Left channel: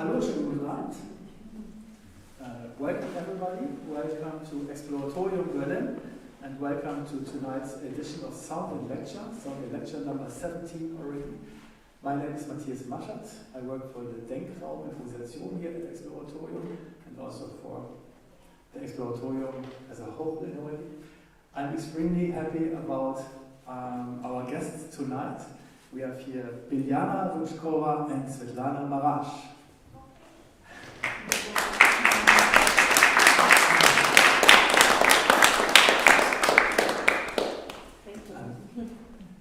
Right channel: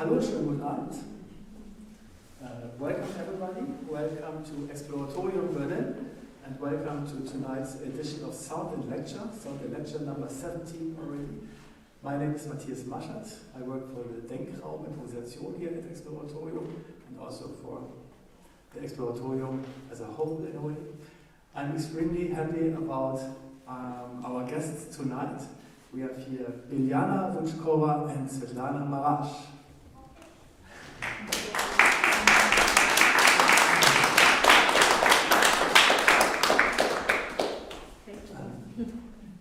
Hello, schönen guten Abend. Welcome everybody. Welcome to Exploratorium Berlin, and welcome to tonight's edition of Sound and Lecture number 17 already. My name is Mathias Maschat. I work for the Erfahrungsraum Improvisation here at Exploratorium, and also for the Exploratorium as a whole in a way. I'm extremely happy about our guests tonight. We have here Biliana Voutchkova and Svetlana Marash.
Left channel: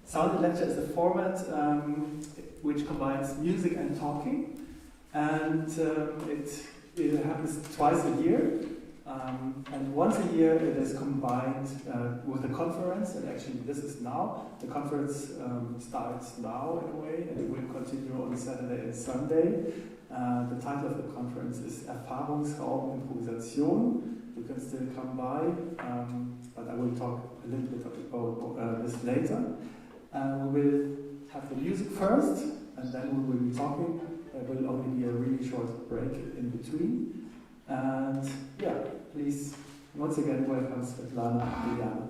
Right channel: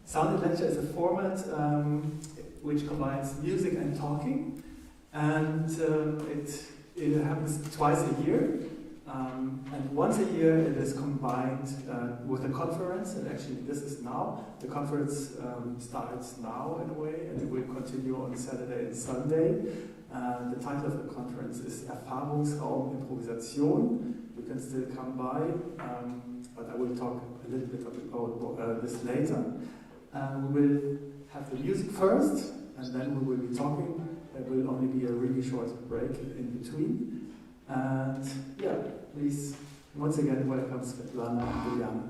Sound and Lecture is a format which combines music and talking, and it happens twice a year, and once a year it is combined with a conference, and actually this is now. The conference starts now in a way, and it will continue on Saturday and Sunday. The title of the conference is Erfahrungsraum Improvisation. You can still come by, but I will talk a little bit about this later. We will have the music first, and then we will be talking. There will only be a really short break in between. And yeah, please, once again, welcome Svetlana and Biliana.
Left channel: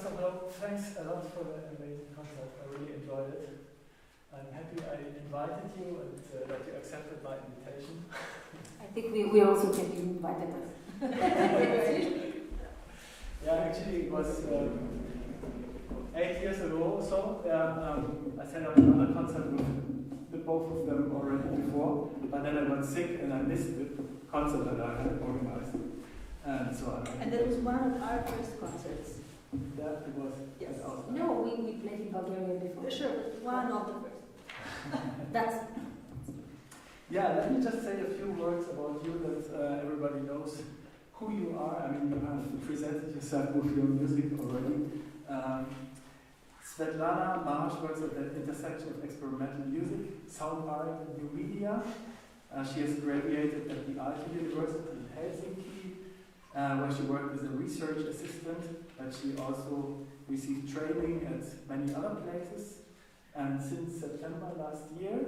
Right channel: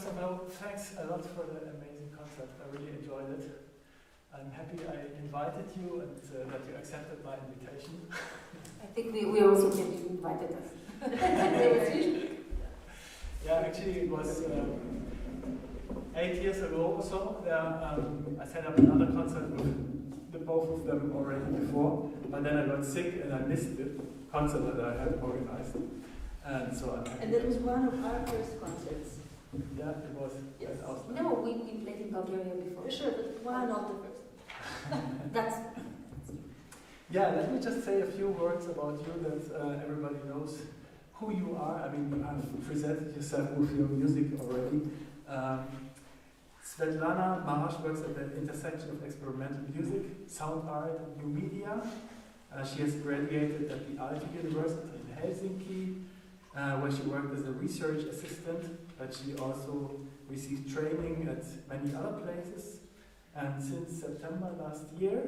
First of all, thanks a lot for the amazing concert. I really enjoyed it. I'm happy I invited you and that you accepted my invitation. I think we also get you invited us. Yeah, actually it was 8 years ago or so. I set up another concert with the both of them already before, but then I got sick and I missed the concert that I had organized. And so and that was one of our first concerts. Yeah, it was. Yes. Awesome. No, we played in Bulgaria before. Yeah, sure, but one of the first. That's. Yeah, let me just say a few words about you that everybody knows who you are. I mean, you have presented yourself with your music already. Svetlana Marsh works at the intersection of experimental music, sound art, and new media. She has graduated at the Aalto University in Helsinki, where she worked as a research assistant, but she also received training at many other places. And since September last year,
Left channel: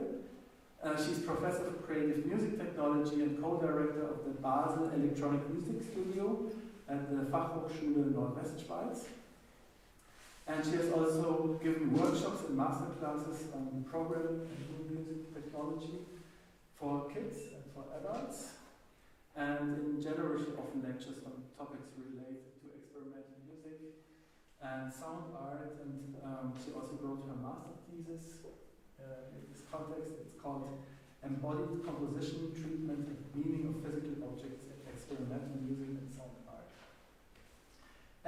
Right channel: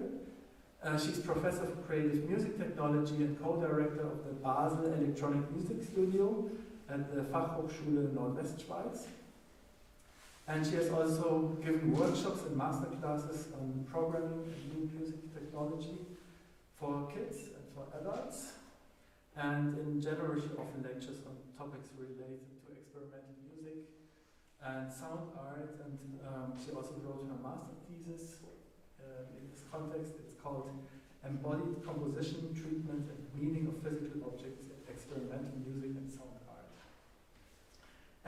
she's professor of creative music technology and co-director of the Basel Electronic Music Studio at the Fachhochschule Nordwestschweiz. And she has also given workshops and masterclasses on programming and new music technology for kids and for adults. And in general, she often lectures on topics related to experimental music and sound art. And she also wrote her master thesis. In this context, it's called Embodied Composition, Treatment, and Meaning of Physical Objects in Experimental Music and Sound Art.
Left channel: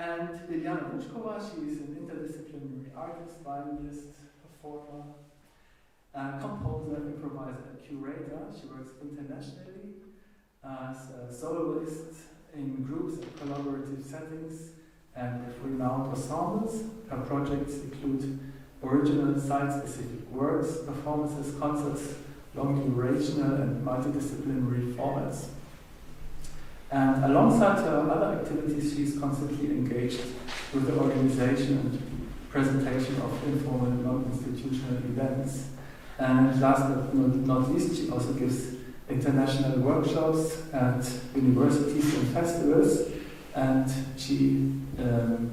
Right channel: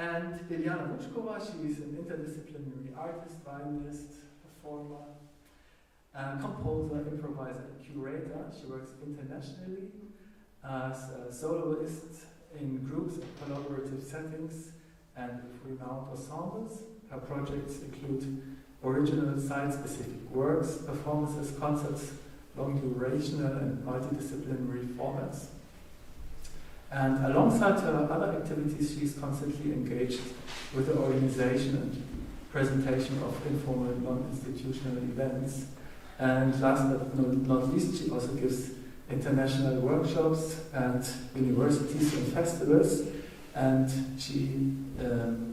And Biliana Voutchkova, she is an interdisciplinary artist, violinist, performer, composer, improviser, and curator. She works internationally as a soloist in groups and collaborative settings and with renowned ensembles. Her projects include original site-specific works, performances, concerts, long-durational and multidisciplinary formats. And alongside her other activities, she is constantly engaged with the organization and presentation of informal, non-institutional events. And last but not least, she also gives international workshops at universities and festivals. And she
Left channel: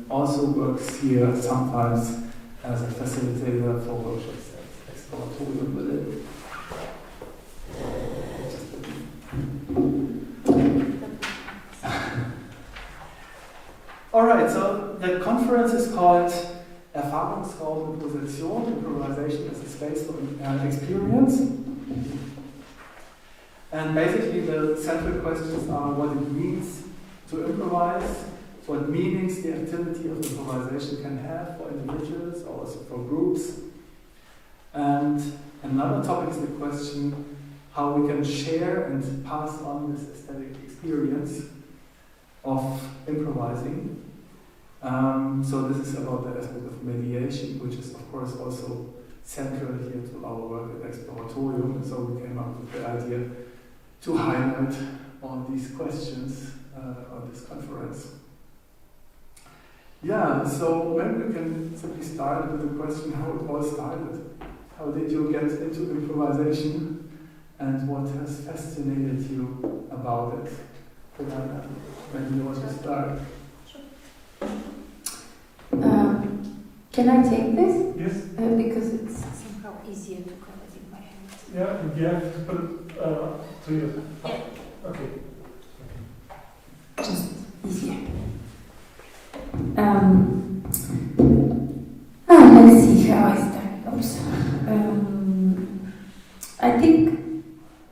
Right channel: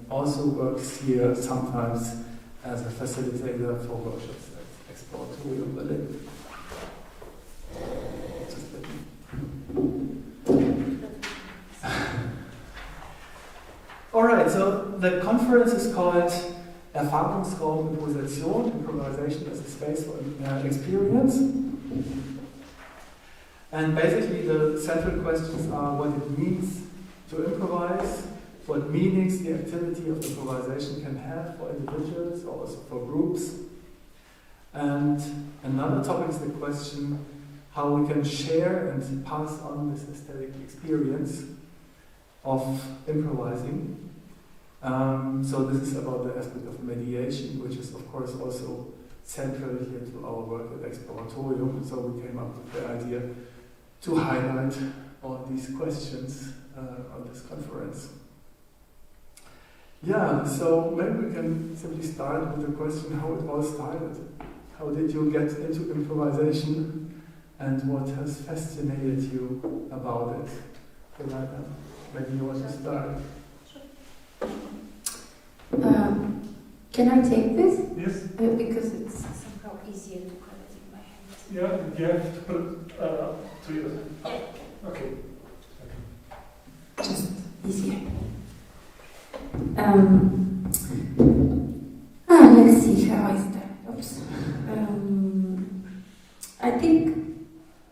also works here sometimes as a facilitator for workshops at Exploratorium Berlin. Alright, so the conference is called Erfahrungsraum Improvisation, improvisation as a space for experience. And basically the central questions are what it means to improvise, what meanings the activity of improvisation can have for individuals or also for groups. And another topic is the question how we can share and pass on this aesthetic experience of improvising. So this is about the aspect of mediation, which is of course also central here to our work at Exploratorium. So we came up with the idea to highlight all these questions on this conference. Yeah, so maybe we can simply start with the question how it all started. How did you get into improvisation and what has fascinated you about it? Maybe you want to start. Can I take this? Yes. Because it's somehow easier to cover it in my hands. Yeah, you have to put it to your. Yeah. Okay. Just easier. Let's see how I start. Oops. I think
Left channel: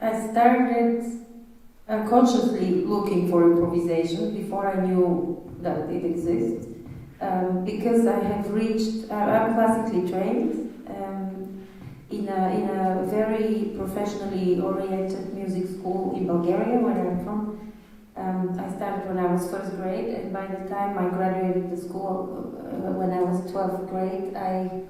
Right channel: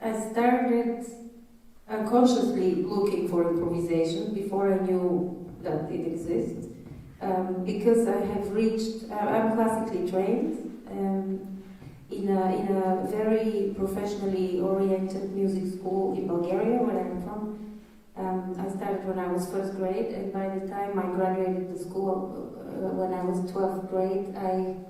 I started consciously looking for improvisation before I knew that it exists. Because I have reached, I'm classically trained in a very professionally oriented music school in Bulgaria, where I'm from. I started when I was first grade, and by the time I graduated the school, when I was 12th grade, I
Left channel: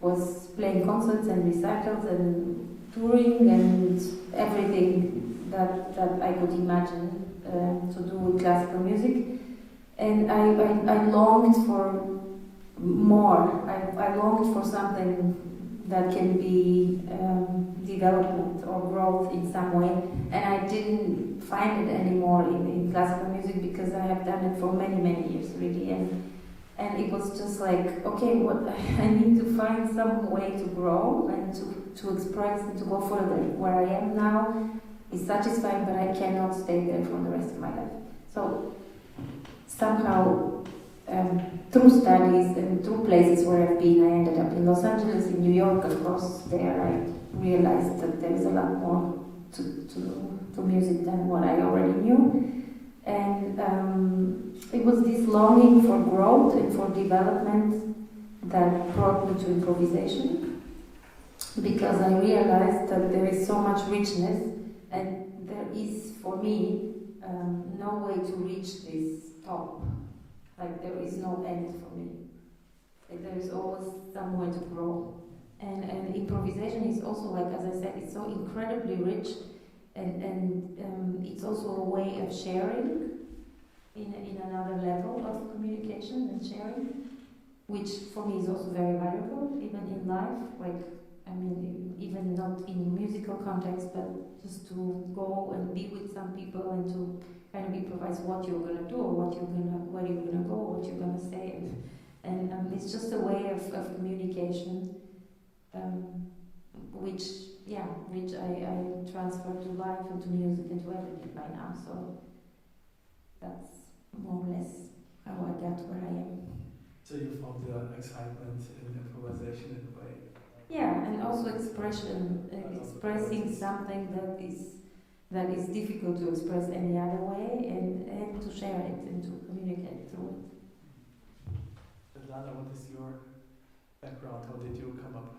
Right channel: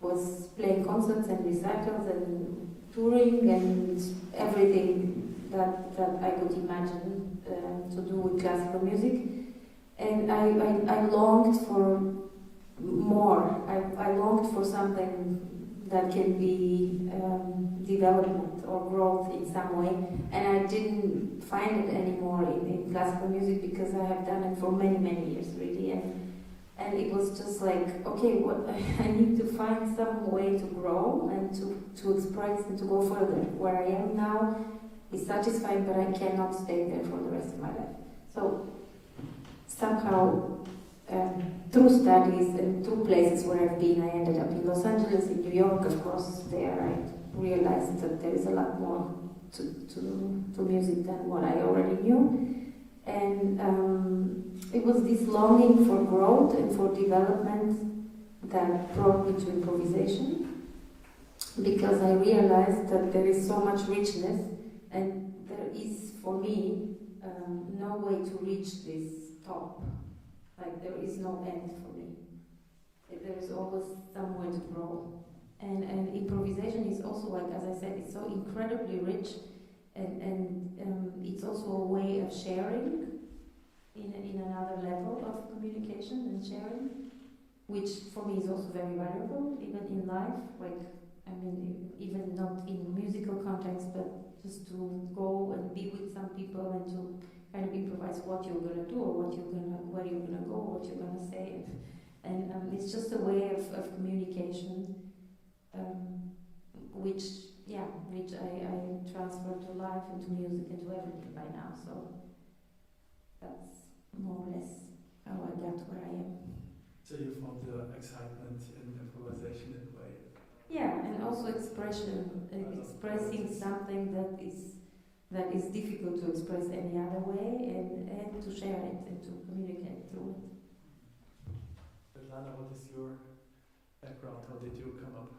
was playing concerts and recitals and touring and everything that I could imagine to do with classical music. And I longed for more. I longed for something that can be development or growth in some way. And I didn't find it anymore in classical music because I have done it for many, many years, really. And it was just like, okay, what I need to find some way to grow and to express and to go further. Where I am now is satisfying, but I cannot stay there for the rest of my life. So somehow, through studies and through places where I've been, I ended up in Los Angeles, in New York, of course. There I realized that there's a lot more to music than what I already knew. And it was this longing for growth and for development that brought me to improvisation, because I realized that there is so much richness, and there is, for me, no way to reach this top. Like, there is no end for me. There is always somewhere to grow. And improvisation is also, like, as I said, it's so incredibly rich, and it's also a way of sharing in another level of communication and sharing, which for me is also very valuable, even in life. Like, I mean, even not in musical context, but just to go and be with some people and to kind of improvise what you're gonna do, or where you're gonna go, what you're gonna say, and it's just a way of communication, which I transfer to life and to music and to everything by now. So that's more or less how I got where I am. So you found the excitement in improvisation in a way. Yeah, and also expression, expressing something that is difficult to express any other way, and to share it and to communicate through it. Svetlana, what is your background? How did you come up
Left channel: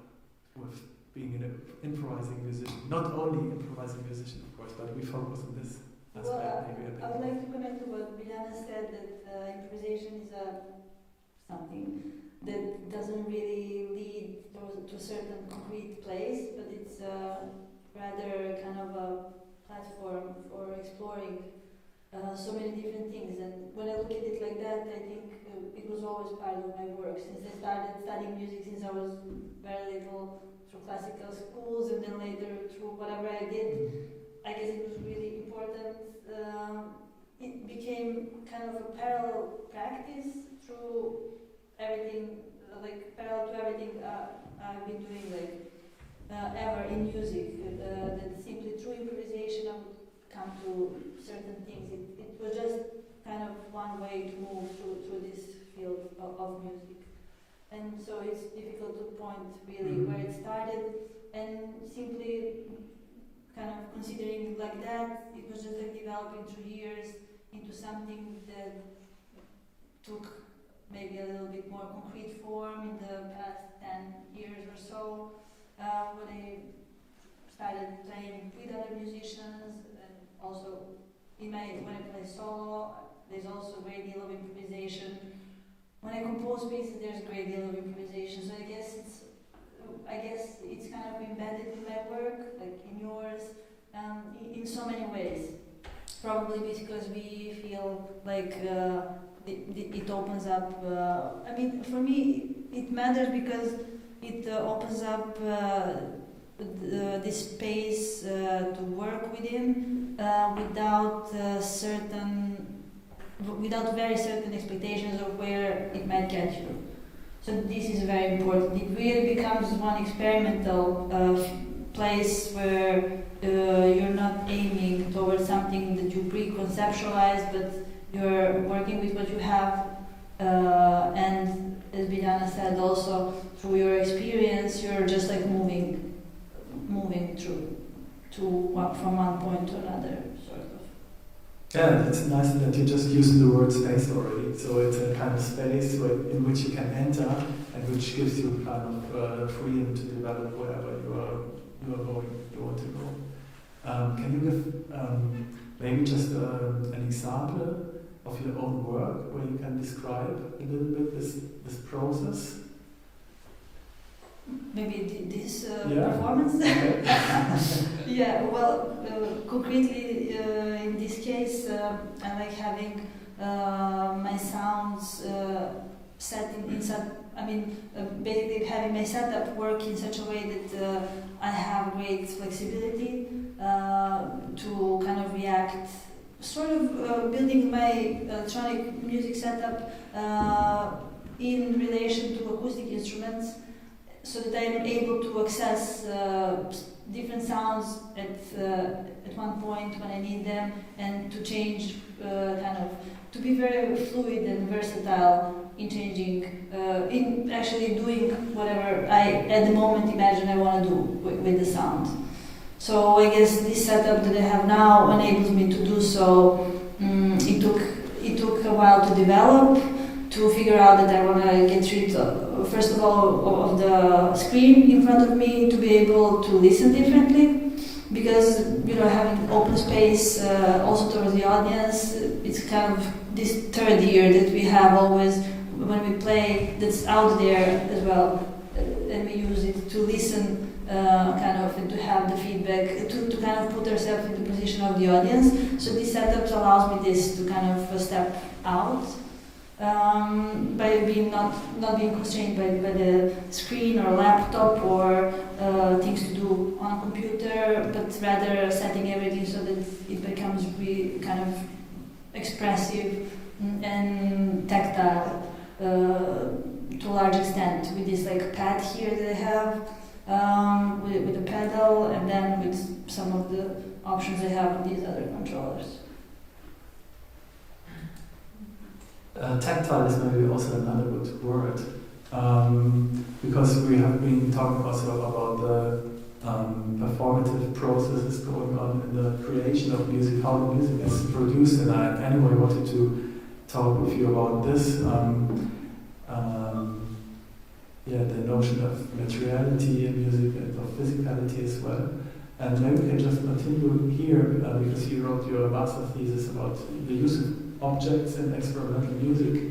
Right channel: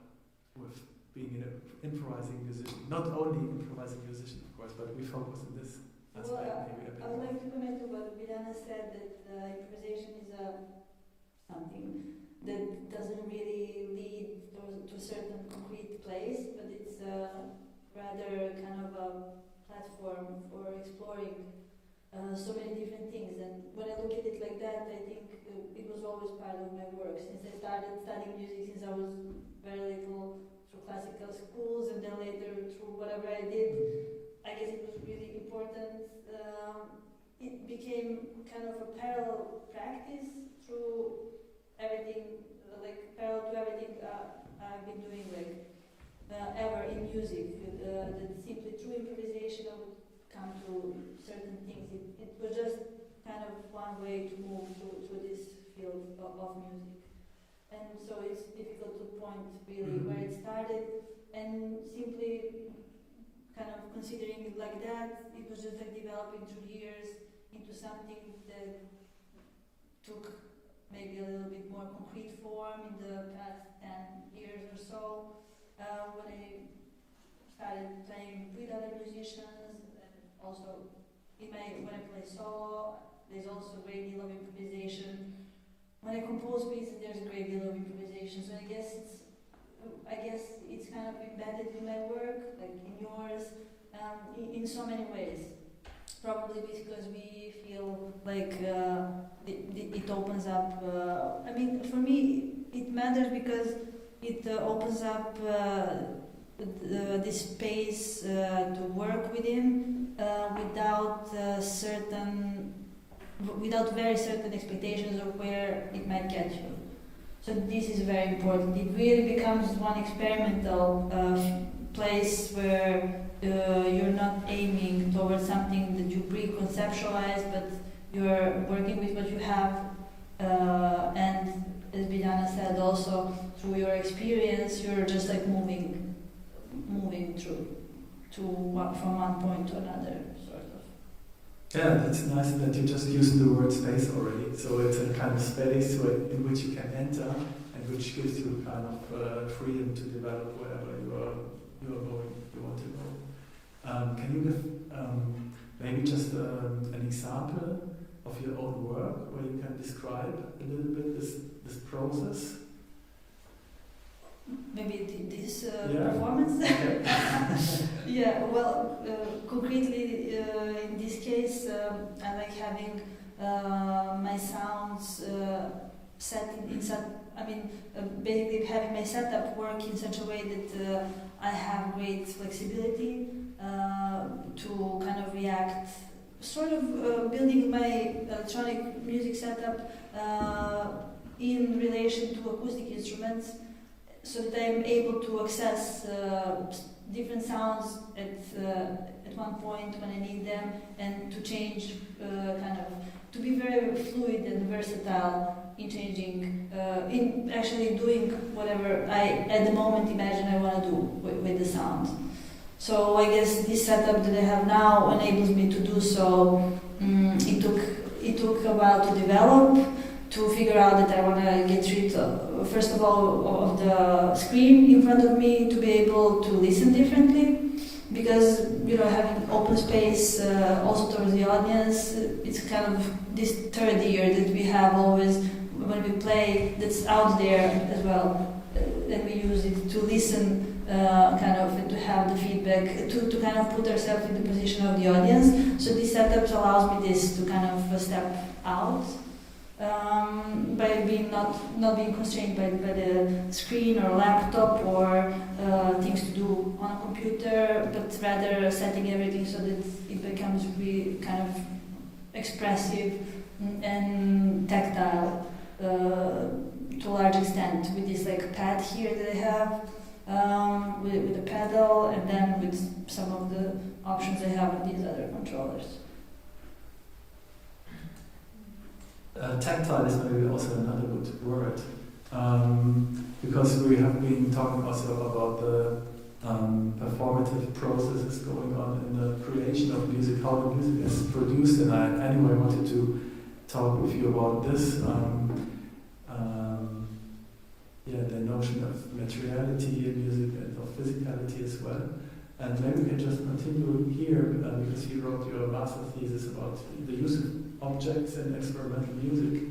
with being an improvising musician? Not only improvising musician, of course, but we focus on this aspect maybe a bit. I would like to comment to what Biliana said, that improvisation is something that doesn't really lead to a certain concrete place, but it's rather kind of a platform for exploring so many different things. And when I look at it like that, I think it was always part of my work. Since I started studying music since I was very little, through classical schools, and then later through whatever I did, I guess it was really important. It became kind of a parallel practice through everything, like parallel to everything I've been doing, like ever in music. That simply through improvisation I would come to certain things. It was just kind of one way to move through this field of music. And so it's difficult to point really where it started, and simply kind of considering it like that, it was just like developing through years into something that took maybe a little bit more concrete form in the past 10 years or so, when I started playing with other musicians, and also when I play solo, there's also a great deal of improvisation. When I compose pieces, there's a great deal of improvisation. So I guess it's kind of embedded in my work, like in yours, in so many ways. Probably because we feel like it opens up. I mean, for me, it matters because it opens up this space to work within without very certain expectations of where it might get you. So this is very important. It really becomes one experimental place where you're not aiming towards something that you pre-conceptualize, but you're working with what you have. And as Biliana said, also through your experience, you're just like moving through from one point to another, sort of. Yeah, it's nice that you just used the word space already. So it's a kind of space in which you can enter, and which gives you kind of freedom to develop wherever you want to go. Can you give maybe just an example of your own work where you can describe a little bit this process? Maybe this performance? Yeah, well, concretely in this case, I like having my sounds set in such, basically having my setup work in such a way that I have great flexibility to kind of react, sort of building my electronic music setup in relation to acoustic instruments, so that I'm able to access different sounds at one point when I need them, and to change to be very fluid and versatile in changing, in actually doing whatever I at the moment imagine I want to do with the sound. So I guess this setup that I have now enables me to do so. It took a while to develop, to figure out that I want to get rid of, first of all, of the screen in front of me, to be able to listen differently, because having open space also towards the audience, it's kind of this third ear that we have always when we play, that's out there as well, and we use it to listen and to have the feedback, to kind of put ourselves in the position of the audience. So this setup allows me this to kind of step out by being not being constrained by the screen or laptop or things to do on a computer, but rather setting everything so that it becomes really kind of expressive and tactile to a large extent, with this like pad here that I have. With a pedal, and then with some of the options I have on these other controllers. Tactile is maybe also another good word, because we have been talking also about the performative processes going on in the creation of music, how the music is produced, and I anyway wanted to talk with you about this. The notion of materiality in music and of physicality as well. And maybe we can just continue here, because you wrote your master thesis about the use of objects in experimental music.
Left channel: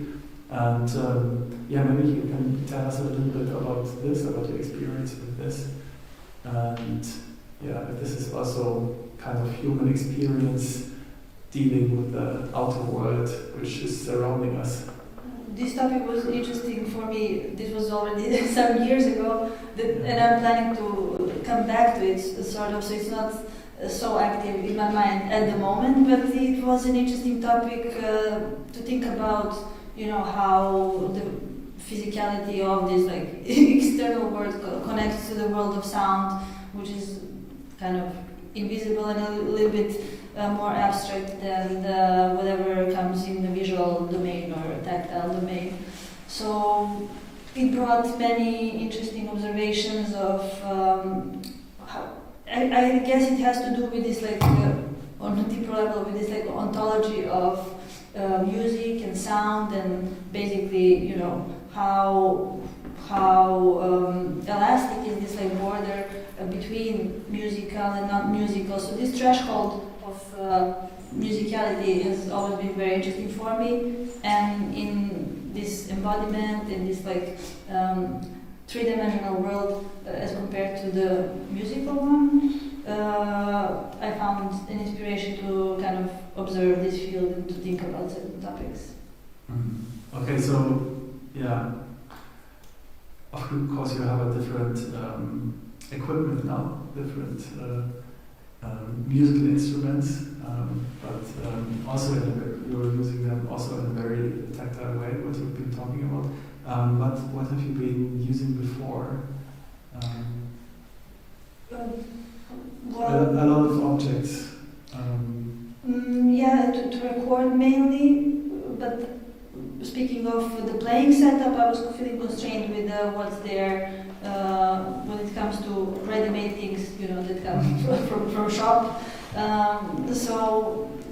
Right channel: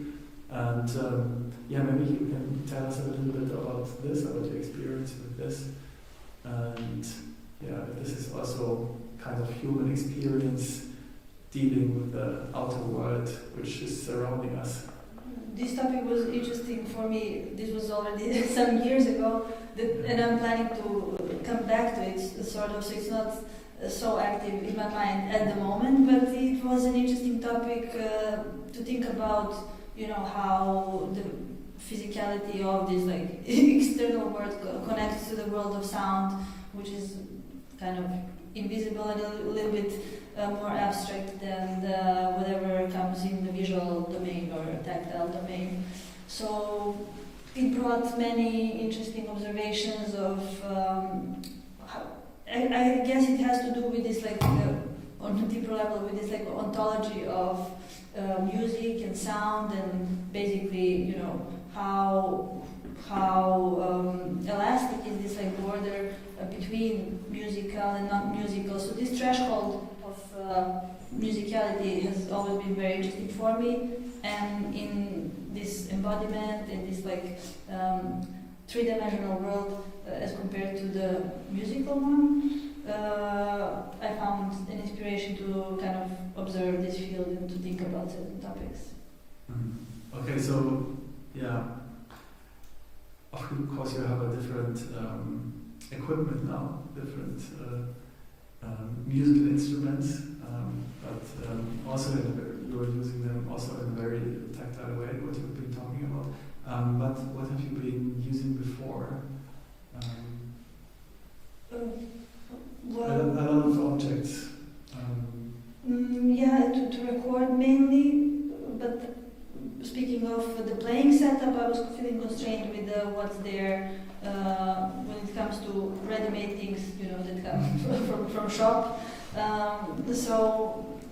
And maybe you can tell us a little bit about this, about your experience with this. And if this is also kind of human experience dealing with the outer world which is surrounding us. This topic was interesting for me. This was already some years ago, and I'm planning to come back to it, sort of, so it's not so active in my mind at the moment, but it was an interesting topic to think about, how the physicality of this like external world connects to the world of sound, which is kind of invisible and a little bit more abstract than whatever comes in the visual domain or tactile domain. So it brought many interesting observations of how, I guess it has to do with this like on a deeper level, with this like ontology of music and sound, and basically how elastic is this like border between musical and not musical. So this threshold of musicality has always been very interesting for me, and in this embodiment, in this like three-dimensional world as compared to the musical one, I found an inspiration to kind of observe this field and to think about certain topics. Okay, so of course you have a different equipment now, different musical instruments, but also you're using them also in a very tactile way, what you've been talking about. But what have you been using before? A lot of objects. To record mainly, but speaking of the playing setup, I was feeling constrained with what's there when it comes to ready-made things, that come from shop.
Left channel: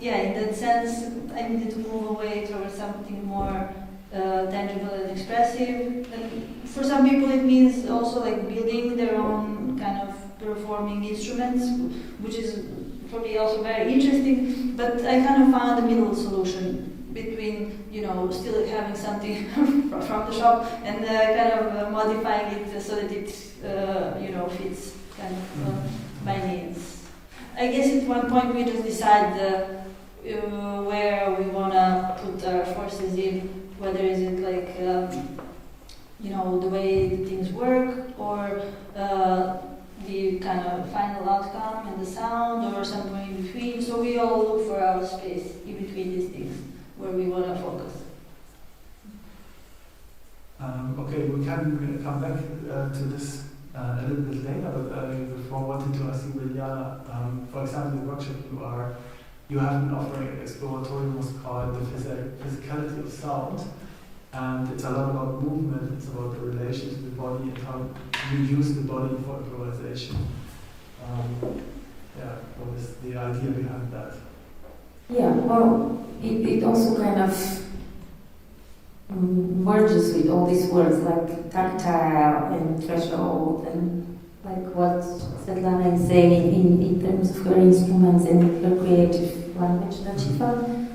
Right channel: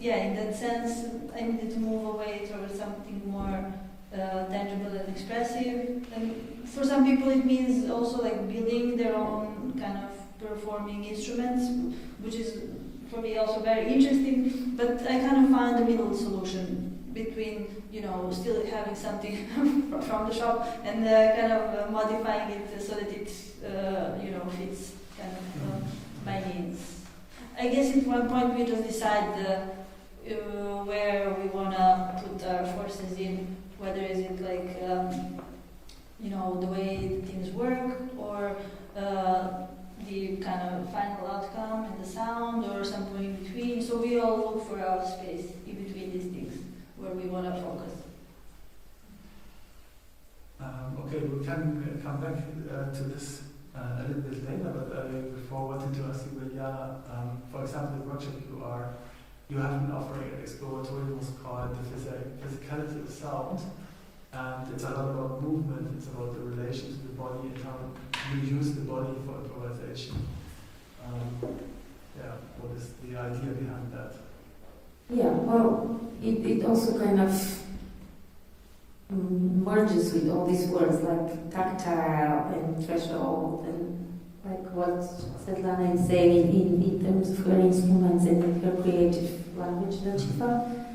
In that sense, I needed to move away towards something more tangible and expressive. And for some people, it means also like building their own kind of performing instruments, which is for me also very interesting. But I kind of found the middle solution between, still having something from the shop and kind of modifying it so that it, fits kind of my needs. I guess at one point we just decide where we want to put our forces in, whether is it like, the way the things work, or the kind of final outcome and the sound, or somewhere in between. So we all look for our space in between these things, where we want to focus. Okay, we can come back to this a little bit later, but before I wanted to ask you, Biliana, for example, the workshop you have been offering at exploratorium was called the physicality of sound, and it's a lot about movement. It's about the relation to the body and how you use the body for improvisation. What is the idea behind that? Yeah, well, it also kind of merges with all these words like tactile and threshold and like what Svetlana is saying in terms of her instruments and her creative language that she found.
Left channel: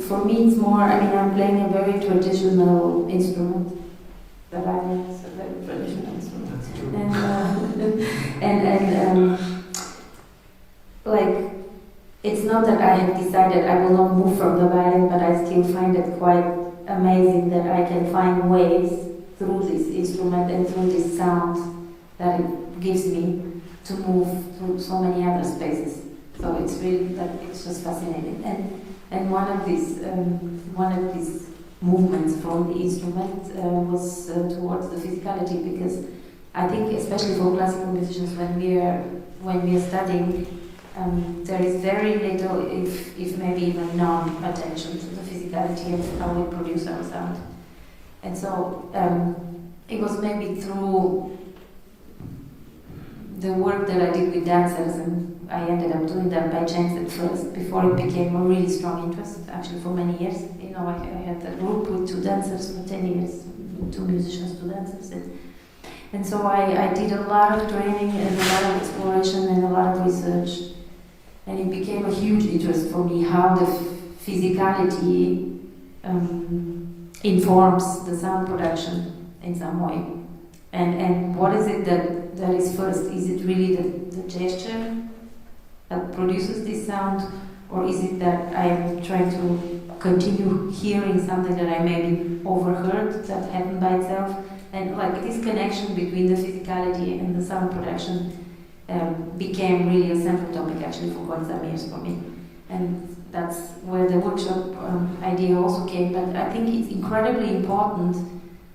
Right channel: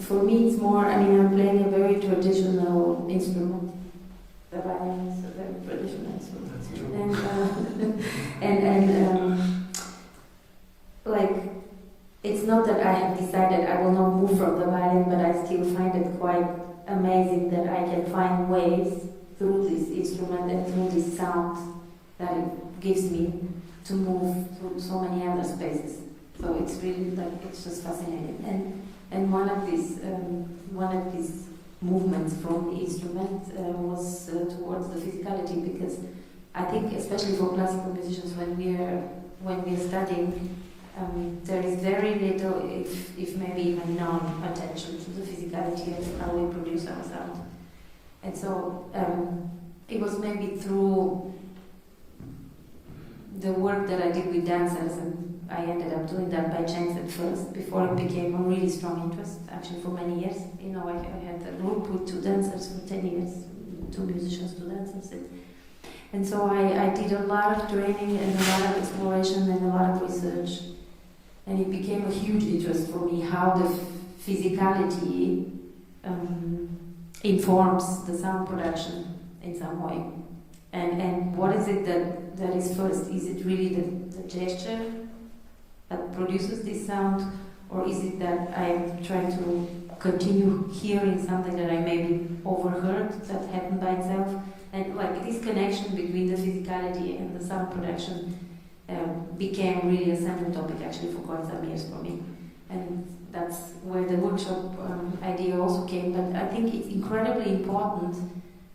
For me, it's more, I'm playing a very traditional instrument. The violin is a very traditional instrument. That's true. Like, it's not that I have decided I will not move from the violin, but I still find it quite amazing that I can find ways through this instrument and through this sound that it gives me to move through so many other spaces. So it's really it's just fascinating. And one of these movements from the instrument was towards the physicality, because I think especially for classical musicians when we are studying, there is very little, if maybe even none, attention to the physicality of how we produce our sound. And so it was maybe through the work that I did with dancers, and I ended up doing that by chance at first, before it became a really strong interest, actually for many years. I had a group with 2 dancers for 10 years, 2 musicians, 2 dancers. And so I did a lot of training and a lot of exploration and a lot of research. And it became a huge interest for me how the physicality informs the sound production in some way. And what is it that is first? Is it really the gesture that produces this sound? Or is it that I am trying to continue hearing something that I maybe overheard that happened by itself? And like this connection between the physicality and the sound production became really a central topic actually for quite some years for me. And that's where the workshop idea also came. But I think it's incredibly important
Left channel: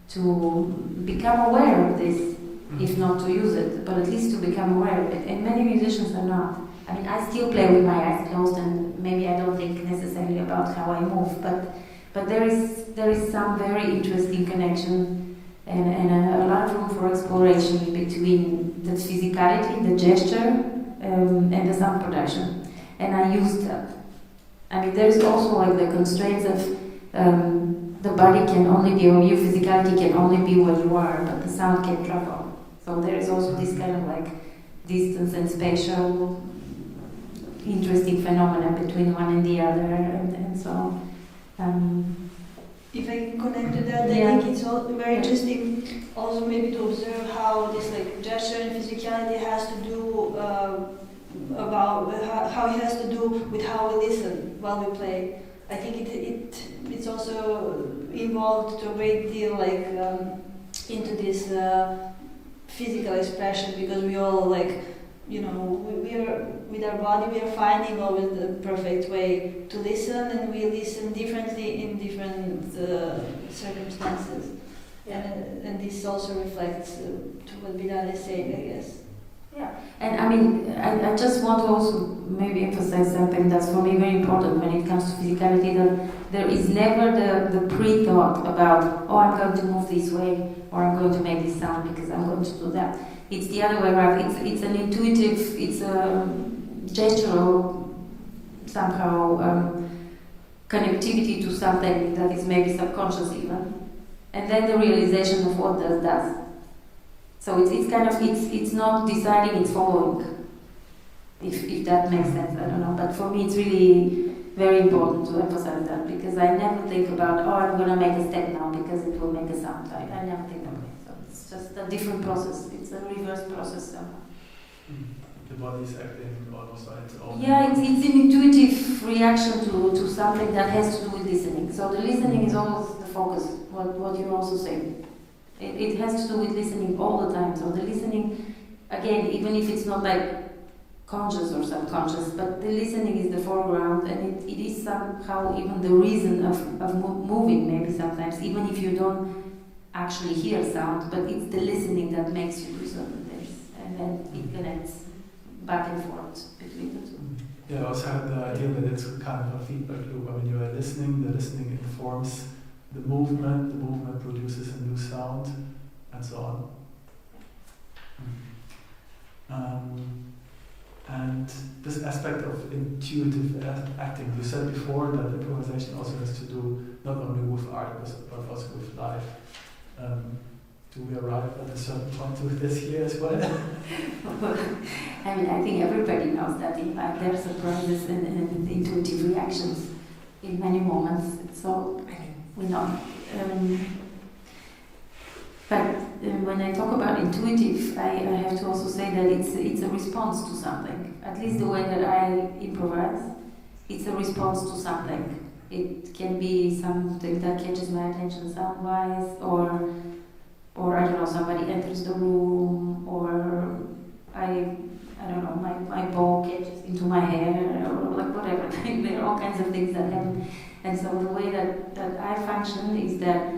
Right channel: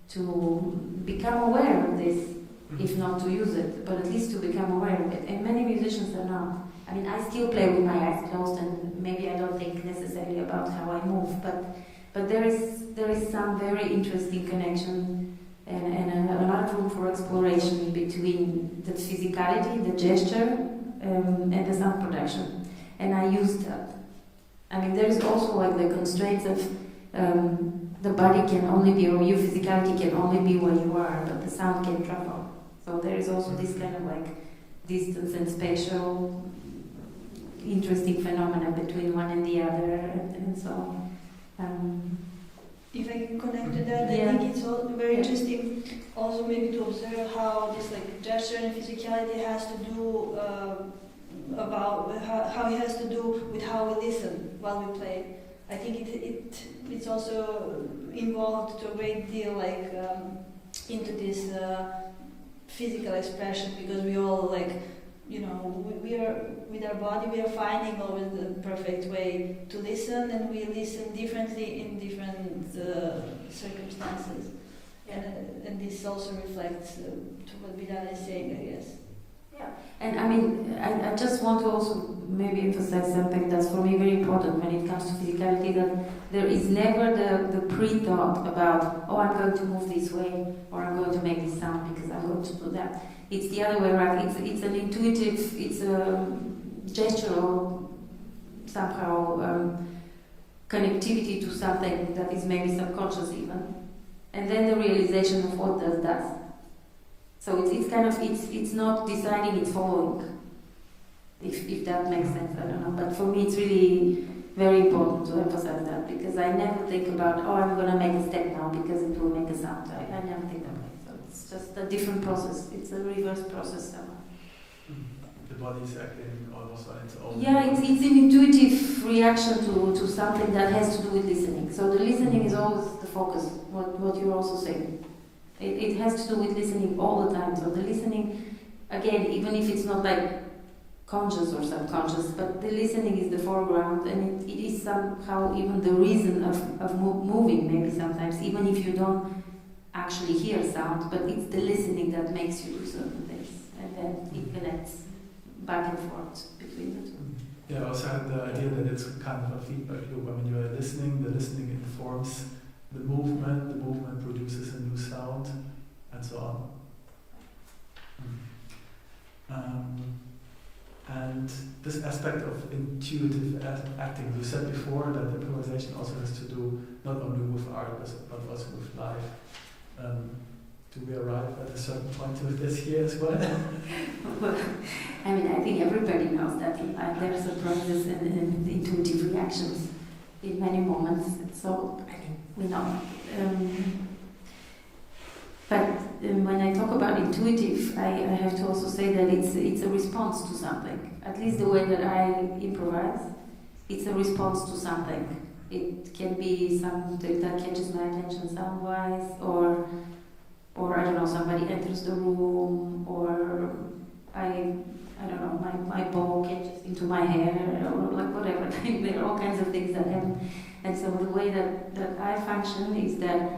to become aware of this, if not to use it, but at least to become aware of it. And many musicians are not. I still play with my eyes closed, and maybe I don't think necessarily about how I move, but there is some very interesting connection and a lot of room for exploration between the physicality, the gesture, and the sound production. And I used that. There's also like the constraints of the body can only be, or your physicality can only be where you are, but the sound can travel. So there is also this kind of like distance and spatial interesting phenomena between one and the other, and so. If I can connect to that, I think it's all very interesting also maybe to observe how this like gesture and physicality has to do about how it has to do with how we listen while we play. I think it's also involved to a great deal like into this physical expression, because we all we are with our body, we are finding always the perfect way to listen, and we listen differently in different circumstances. And this also reflects to what Biliana is saying, I guess. Yeah, and I just want to also maybe emphasize something that's for me very important when it comes to physicality, that there is never the pre-thought about, I'm going to move this way, or I'm going to make this sound because I'm going to do that. It's the other way around. It's an intuitive, it's a gestural, somehow connectivity to something that is maybe subconscious even, and then the realization of what does that. So it's not deciding, it's following. If that makes sense, I don't know. But for me, it's really very important to emphasize that, because I never think about, I'm going to make a step now because it will make a sound. I never think that way. So it's just a different process. It's a reverse process. So. The body is acting almost on its own. Yeah, it's an intuitive reaction to something that has to do with listening. So the listening is always the focus, what you're also saying. It has to do with listening all the time. So the listening, again, even if it's not like conscious or subconscious, but the listening is the foreground, and it is somehow even the reason of moving, maybe sometimes, even if you don't actually hear sound, but it's the listening that makes you do certain things, and then it connects back and forth between the two. Yeah, I also had the idea that it's kind of a feedback loop. I mean, you're listening, the listening informs the movement produces a new sound, and so on. And this aspect of intuitive acting, you said before that improvisation also has to do not only with art but also with life. Do we arrive at a certain point with this here as well? Well, I mean, I think everybody knows that in life there are surprises and intuitive reactions in many moments. So we know. But when I talk about intuitive, I have to also say that it's a response to something. At least the way that I improvise, it's a response to something. It can be something that catches my attention sound-wise, or I don't know, somebody enters the room, or I don't know, my bow catches into my hair, or like whatever. There are all kinds of things that happen. And so the way that I function is that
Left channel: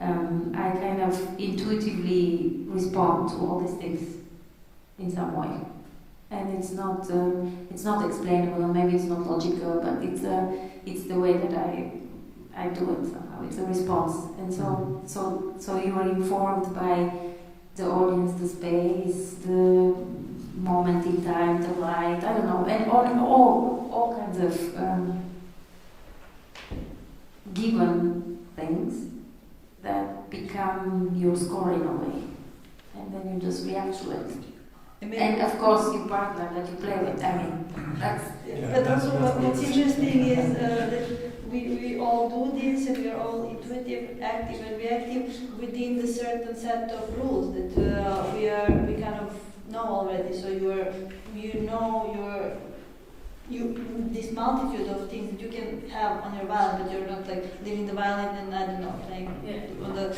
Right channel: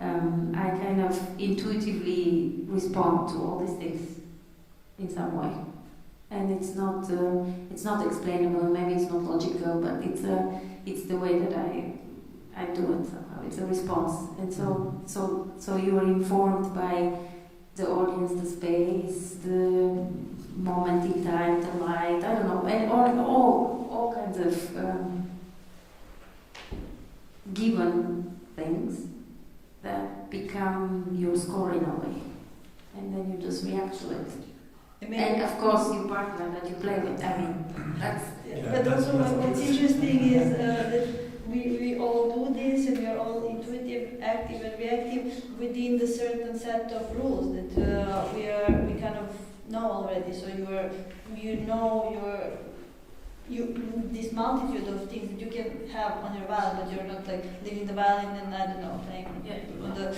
I kind of intuitively respond to all these things in some way, and it's not explainable. Maybe it's not logical, but it's the way that I do it somehow. It's a response, and so you are informed by the audience, the space, the moment in time, the light. I don't know, and all kinds of given things that become your score in a way, and then you just react to it. And of course, your partner that you play with. I mean, that's. Yeah, but also, what's interesting is that we all do this, and we are all intuitive, active, and reactive within the certain set of rules that we kind of know already. So this multitude of things that you can have on your violin, but you're not like leaving the violin and I don't know playing on the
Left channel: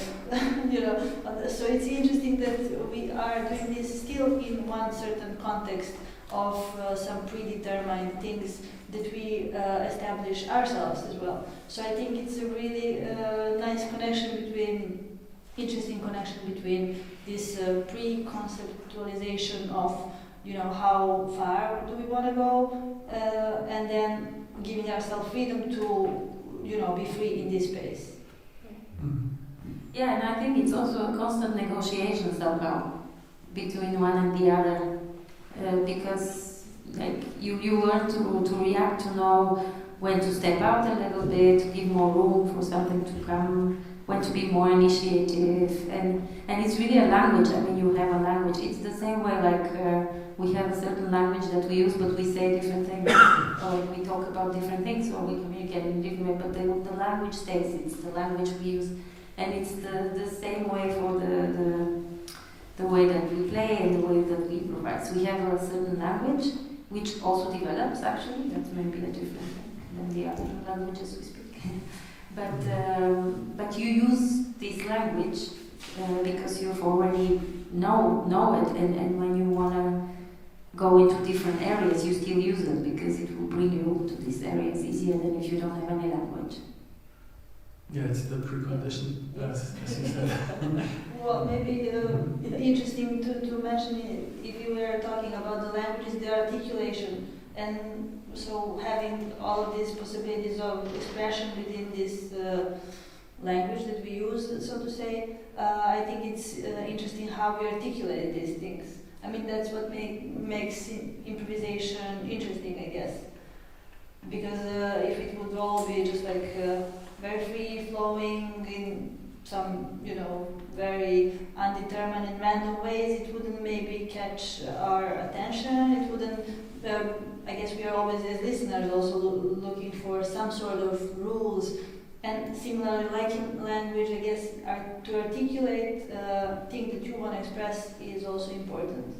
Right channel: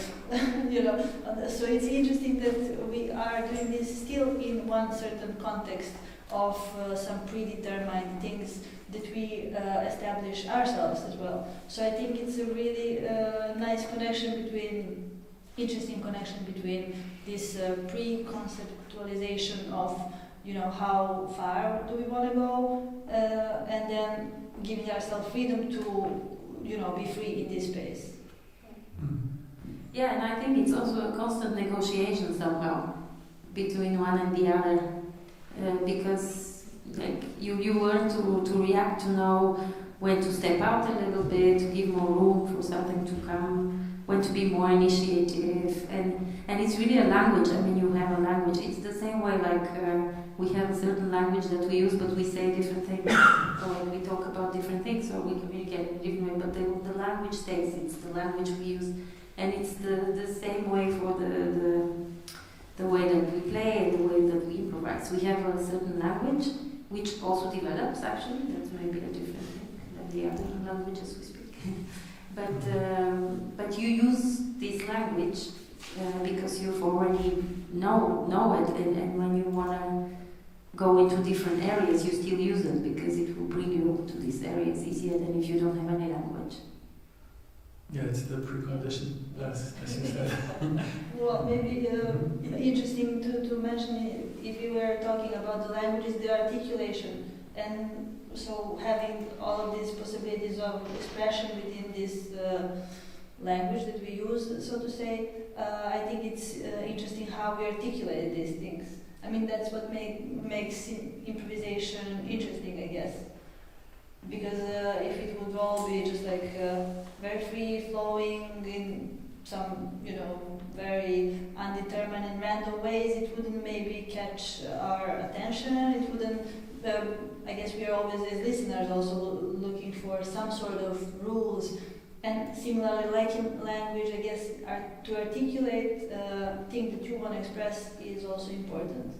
so it's interesting that we are doing this still in one certain context of some predetermined things that we establish ourselves as well. So I think it's a really nice interesting connection between this pre-conceptualization of how far do we want to go, and then giving ourselves freedom to, be free in this space. Yeah, and I think it's also a constant negotiation somehow between one and the other, because like you learn to react, to know when to step out a little bit, to give more room for something to come, when to be more initiative, and it's really a language. I mean, you have a language. It's the same way like we have a certain language that we use, but we say different things, or we talk about different things, or we communicate in a different way, but the language stays. It's the language we use, and it's the same way for the way that we play and the way that we improvise. We have a certain language, which also develops, actually. That's maybe a different thing than the other languages we speak. But you use this language because you've already know it, and when you want to go into different areas, you still use it because it will bring you to these areas easier than if you don't have any language. Yeah, it's the precondition, as you said. Well, maybe interesting to mention, if you were talking about the language, is the articulation. And so having all of these possibilities of expression within this language that we use, so to say, I think it's interesting how we articulate these things. I mean, that's what makes improvisation interesting, I guess. Because if it would all be just like very free-flowing in some, very undetermined and random ways, it wouldn't maybe catch our attention. It wouldn't. I guess we are always, as listeners, also looking for some sort of rules. And similarly, like in language, I guess to articulate things that you want to express is also important.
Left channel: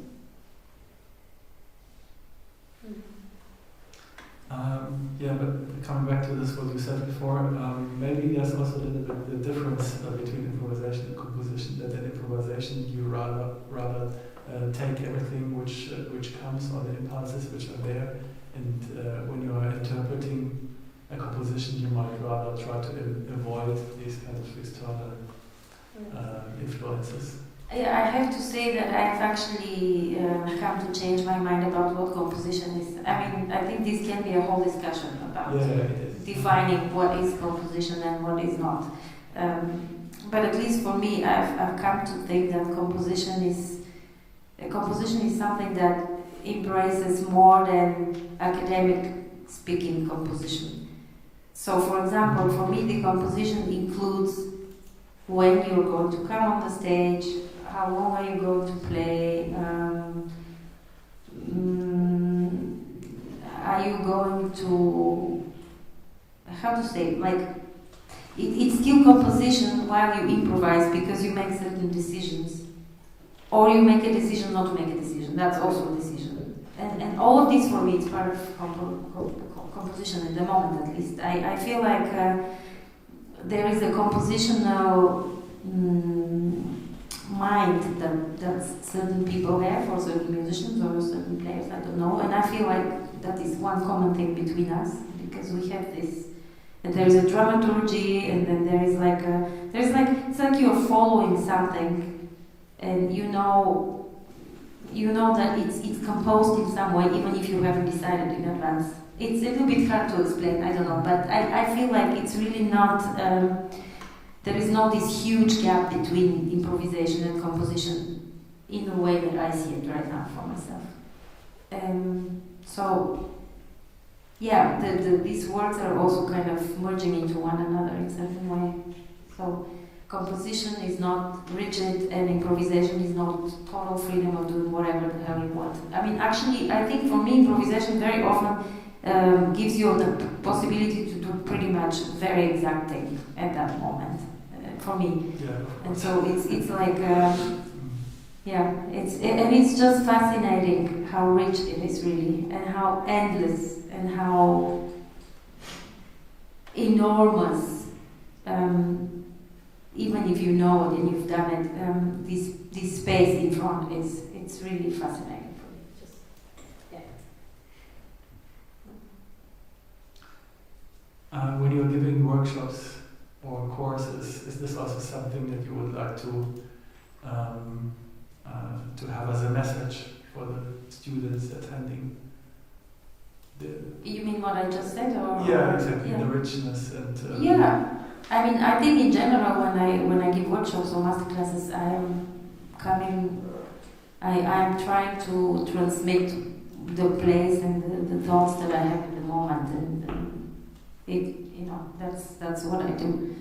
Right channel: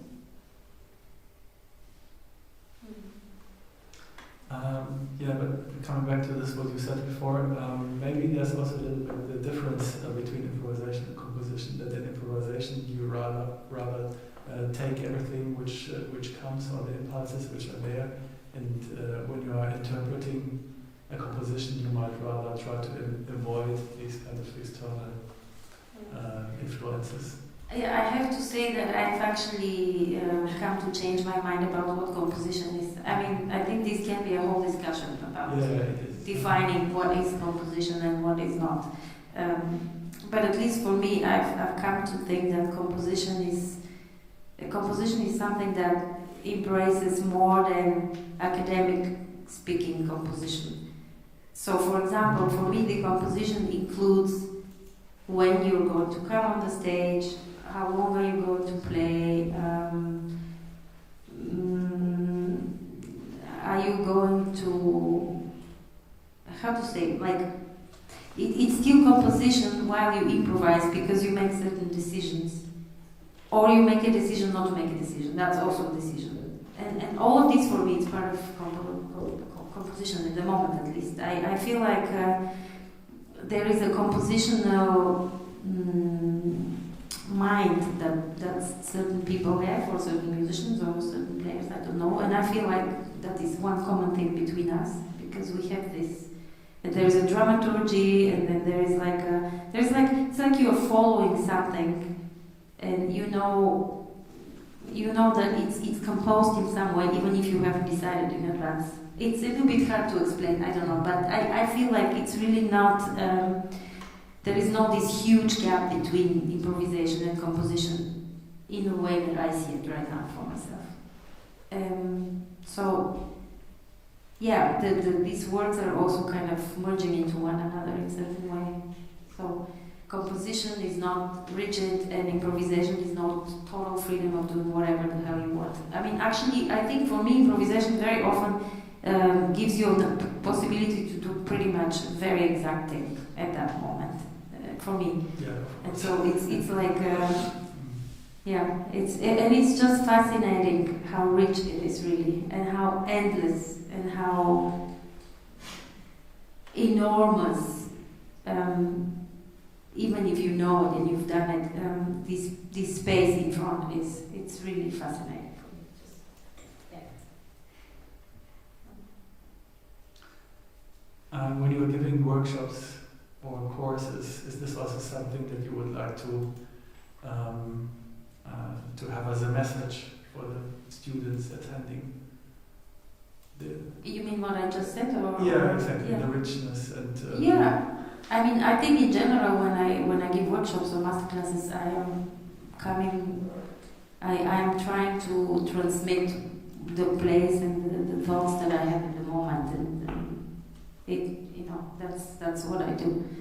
Yeah, but coming back to this, what you said before, maybe there's also a little bit the difference between improvisation and composition. That in improvisation you rather take everything which comes, or the impulses which are there, and when you are interpreting a composition, you might rather try to avoid these kind of external say that I've actually come to change my mind about what composition is. I mean, I think this can be a whole discussion about defining what is composition and what is not. But at least for me, I've come to think that composition is something that embraces more than academic speaking composition. So, for example, for me, the composition includes when you're going to come on the stage, how long are you going to play, are you going to, how to say, like, it's still composition while you improvise because you make certain decisions. Or you make a decision not to make a decision, that's also a decision. And all of this for me is part of composition at the moment at least. I feel like there is a compositional mind that certain people have, or certain musicians or certain players, I don't know. And I feel like that is one common thing between us, because we have this. And there is a dramaturgy, and then there is it's like you're following something. And you know that it's composed in some way, even if you haven't decided in advance. It's a little bit hard to explain, I don't know, but I feel like it's really not, there is not this huge gap between improvisation and composition in the way that I see it right now for myself. So, yeah, these words are also kind of merging into one another in a certain way. So, composition is not rigid, and improvisation is not total freedom of doing whatever the hell you want. I mean, actually, I think for me, improvisation very often gives you the possibility to do pretty much very exact thing at that moment. For me, yeah. And so it's like, it's just fascinating how rich it is really, and how endless and how enormous. Even if you know it and you've done it, this space in front it's really fascinating for me. Just, yeah. When you're giving workshops or courses, is this also something that you would like to have as a message for the students attending? You mean what I just said, or? Yeah, exactly. Yeah. The richness and. Yeah. I mean, I think in general, when I give workshops or masterclasses, I am trying to transmit the place and the thoughts that I have in the moment, and that's what I do.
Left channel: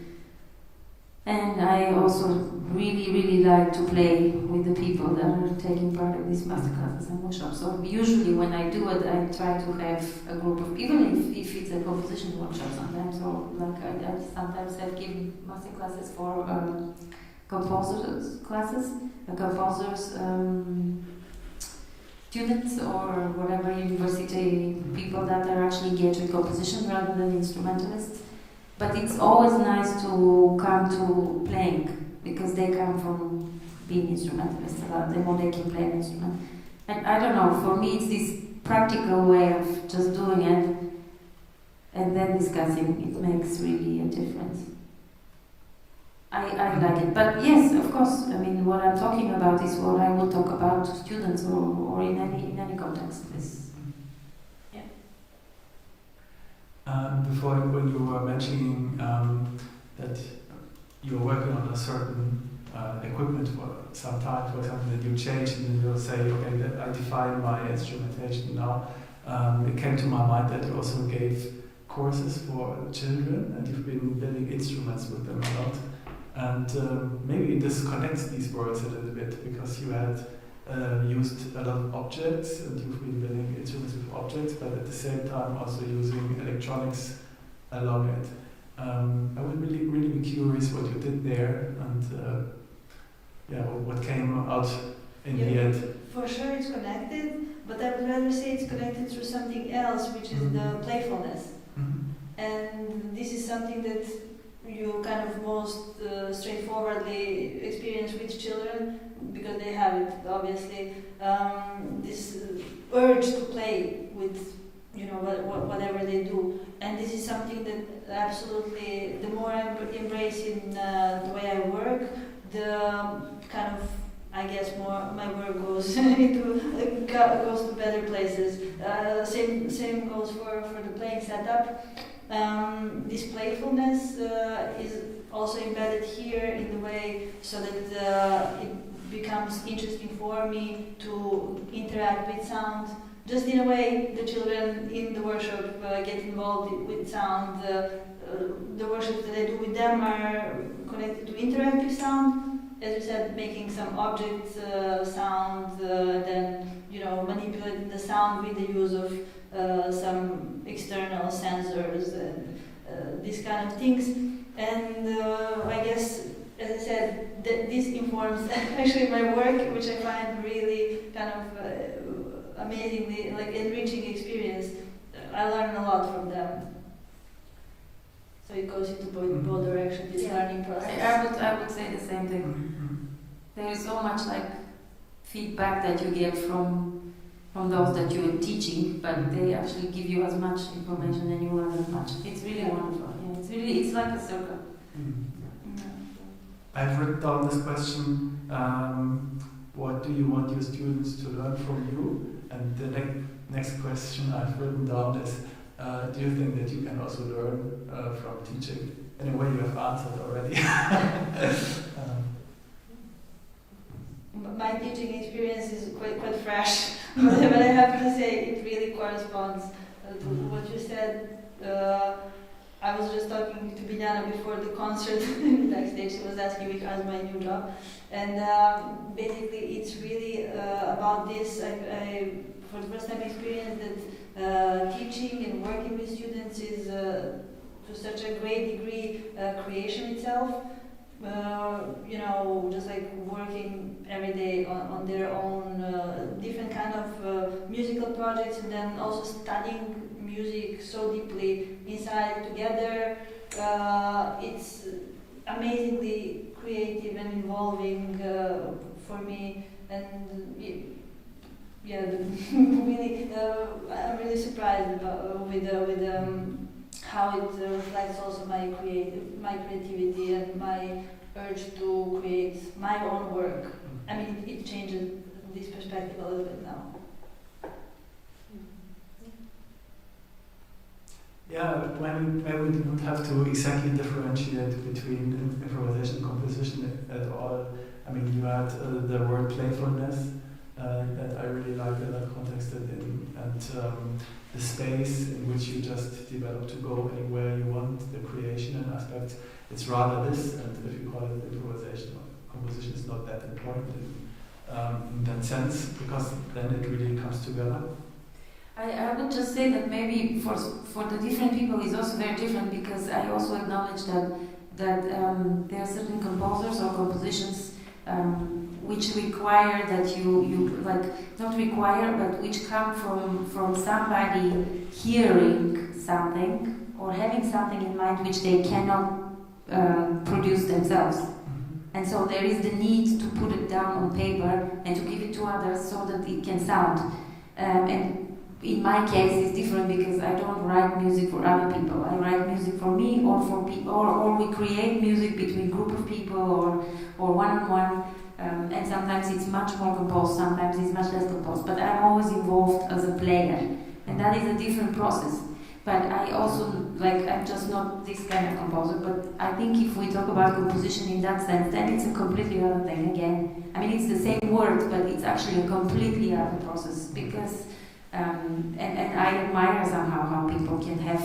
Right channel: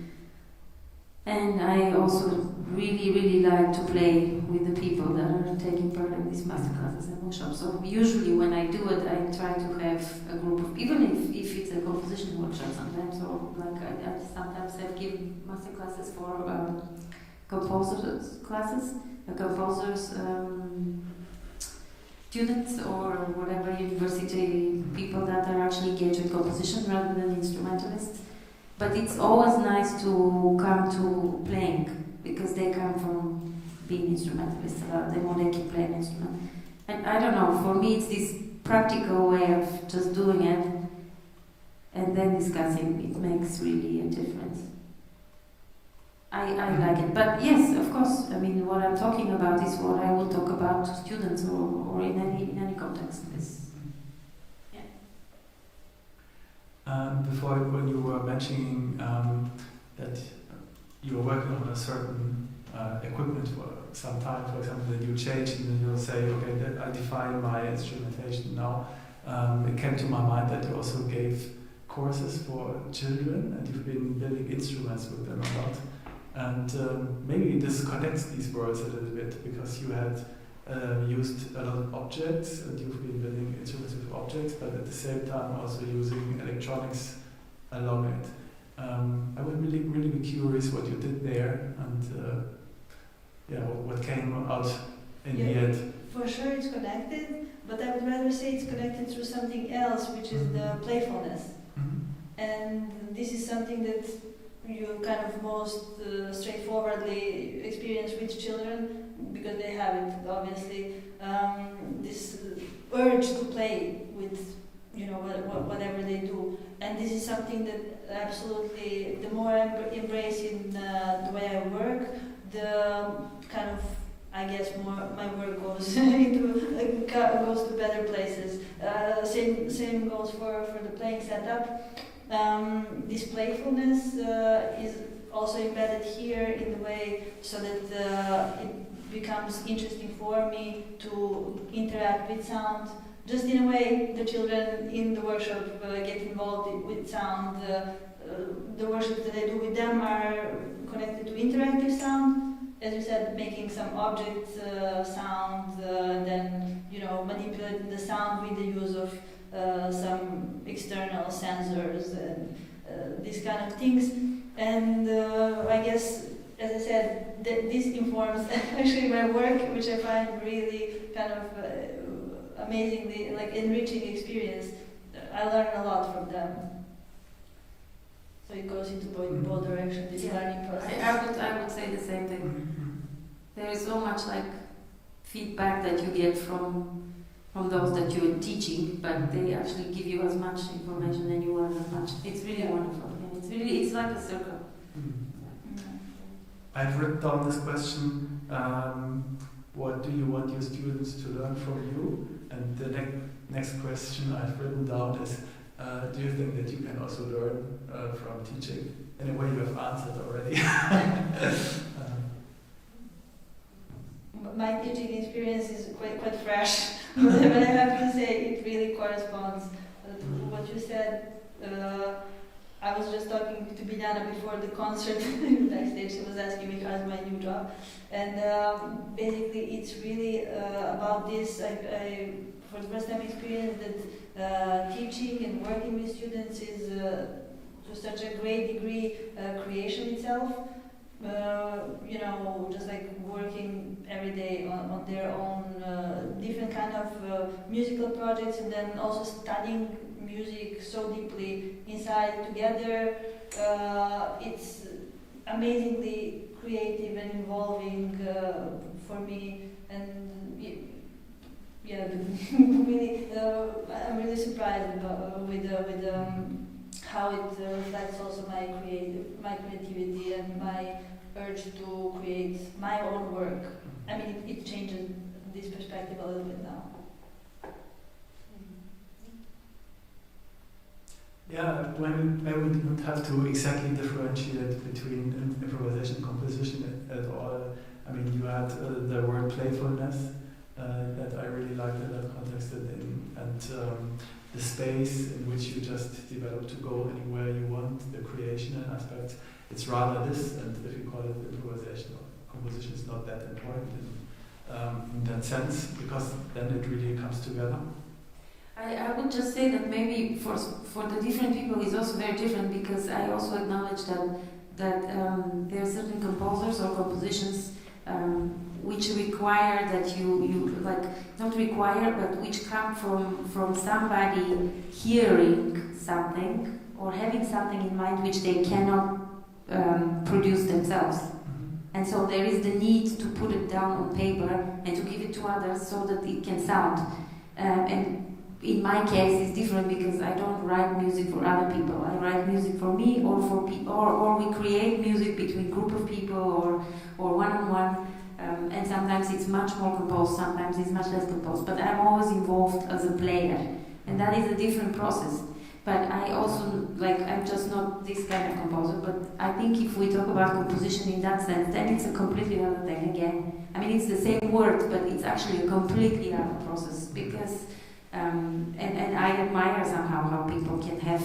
And I also really like to play with the people that are taking part in these masterclasses and workshops. So usually when I do it, I try to have a group of, even if it's a composition workshop sometimes, or like I sometimes have given masterclasses for composers classes, composers students or whatever, university people that are actually engaged with composition rather than instrumentalists. But it's always nice to come to playing, because they come from being instrumentalists a lot. They know they can play an instrument. And I don't know, for me it's this practical way of just doing it and then discussing. It makes really a difference. I like it. But yes, of course, I mean, what I'm talking about is what I will talk about to students or in any context. Before, when you were mentioning that you're working on a certain equipment for some time, for example, that you change and then you'll say, okay, that I define my instrumentation now. It came to my mind that you also gave courses for children, and you've been building instruments with them a lot. And maybe this connects these worlds a little bit, because you had used a lot of objects, and you've been building instruments with objects, but at the same time also using electronics along it. I would really be curious what you did there, and what came out in the end. For sure it's connected, but I would rather say it's connected through something else, which is the playfulness. Mm-hmm. And this is something that you kind of most straightforwardly experience with children, because they have it, obviously, this urge to play with, whatever they do. And this is something that absolutely, the more I embrace in the way I work, the kind of I guess my work goes into goes to better places. Same goes for the playing setup. This playfulness is also embedded here in the way so that it becomes interesting for me to interact with sound. Just in a way, the children in the workshop get involved with sound. The workshops that I do with them are connected to interactive sound. As you said, making some object sound, then manipulating the sound with the use of some external sensors and these kind of things. And I guess, as I said, this informs actually my work, which I find really kind of amazingly enriching experience. I learn a lot from them. So it goes into both directions, this learning process. I would say the same thing. There is so much feedback that you get from those that you are teaching, but they actually give you as much information and you learn as much. It's really wonderful. Yeah, it's like a circle. I've written down this question, what do you want your students to learn from you? And the next question I've written down is, do you think that you can also learn from teaching? In a way you have answered already. My teaching experience is quite fresh, but I have to say it really corresponds to what you said. I was just talking to Biliana before the concert backstage. She was asking me how's my new job, and basically it's really about this. I for the first time experienced that teaching and working with students is to such a great degree creation itself. Just working every day on their own different kind of musical projects, and then also studying music so deeply inside together. It's amazingly creative and involving for me, and really, I'm really surprised with how it reflects also my creativity and my urge to create my own work. I mean, it changes this perspective a little bit now. Yeah, when we don't have to exactly differentiate between improvisation and composition at all. I mean, you had the word playfulness that I really liked in that context, and the space in which you just develop to go anywhere you want, the creational aspect. It's rather this, and if you call it improvisation or composition, is not that important in that sense, because then it really comes together. I would just say that maybe for the different people it's also very different, because I also acknowledge that there are certain composers or compositions which require that you not require, but which come from somebody hearing something or having something in mind which they cannot produce themselves. And so there is the need to put it down on paper and to give it to others so that it can sound. And in my case, it's different because I don't write music for other people. I write music for me or for people, or we create music between group of people or one-on-one. And sometimes it's much more composed, sometimes it's much less composed. But I'm always involved as a player, and that is a different process. But I also, I'm just not this kind of composer, but I think if we talk about composition in that sense, then it's a completely other thing again. I mean, it's the same word, but it's actually a completely other process, because, and I admire somehow how people can have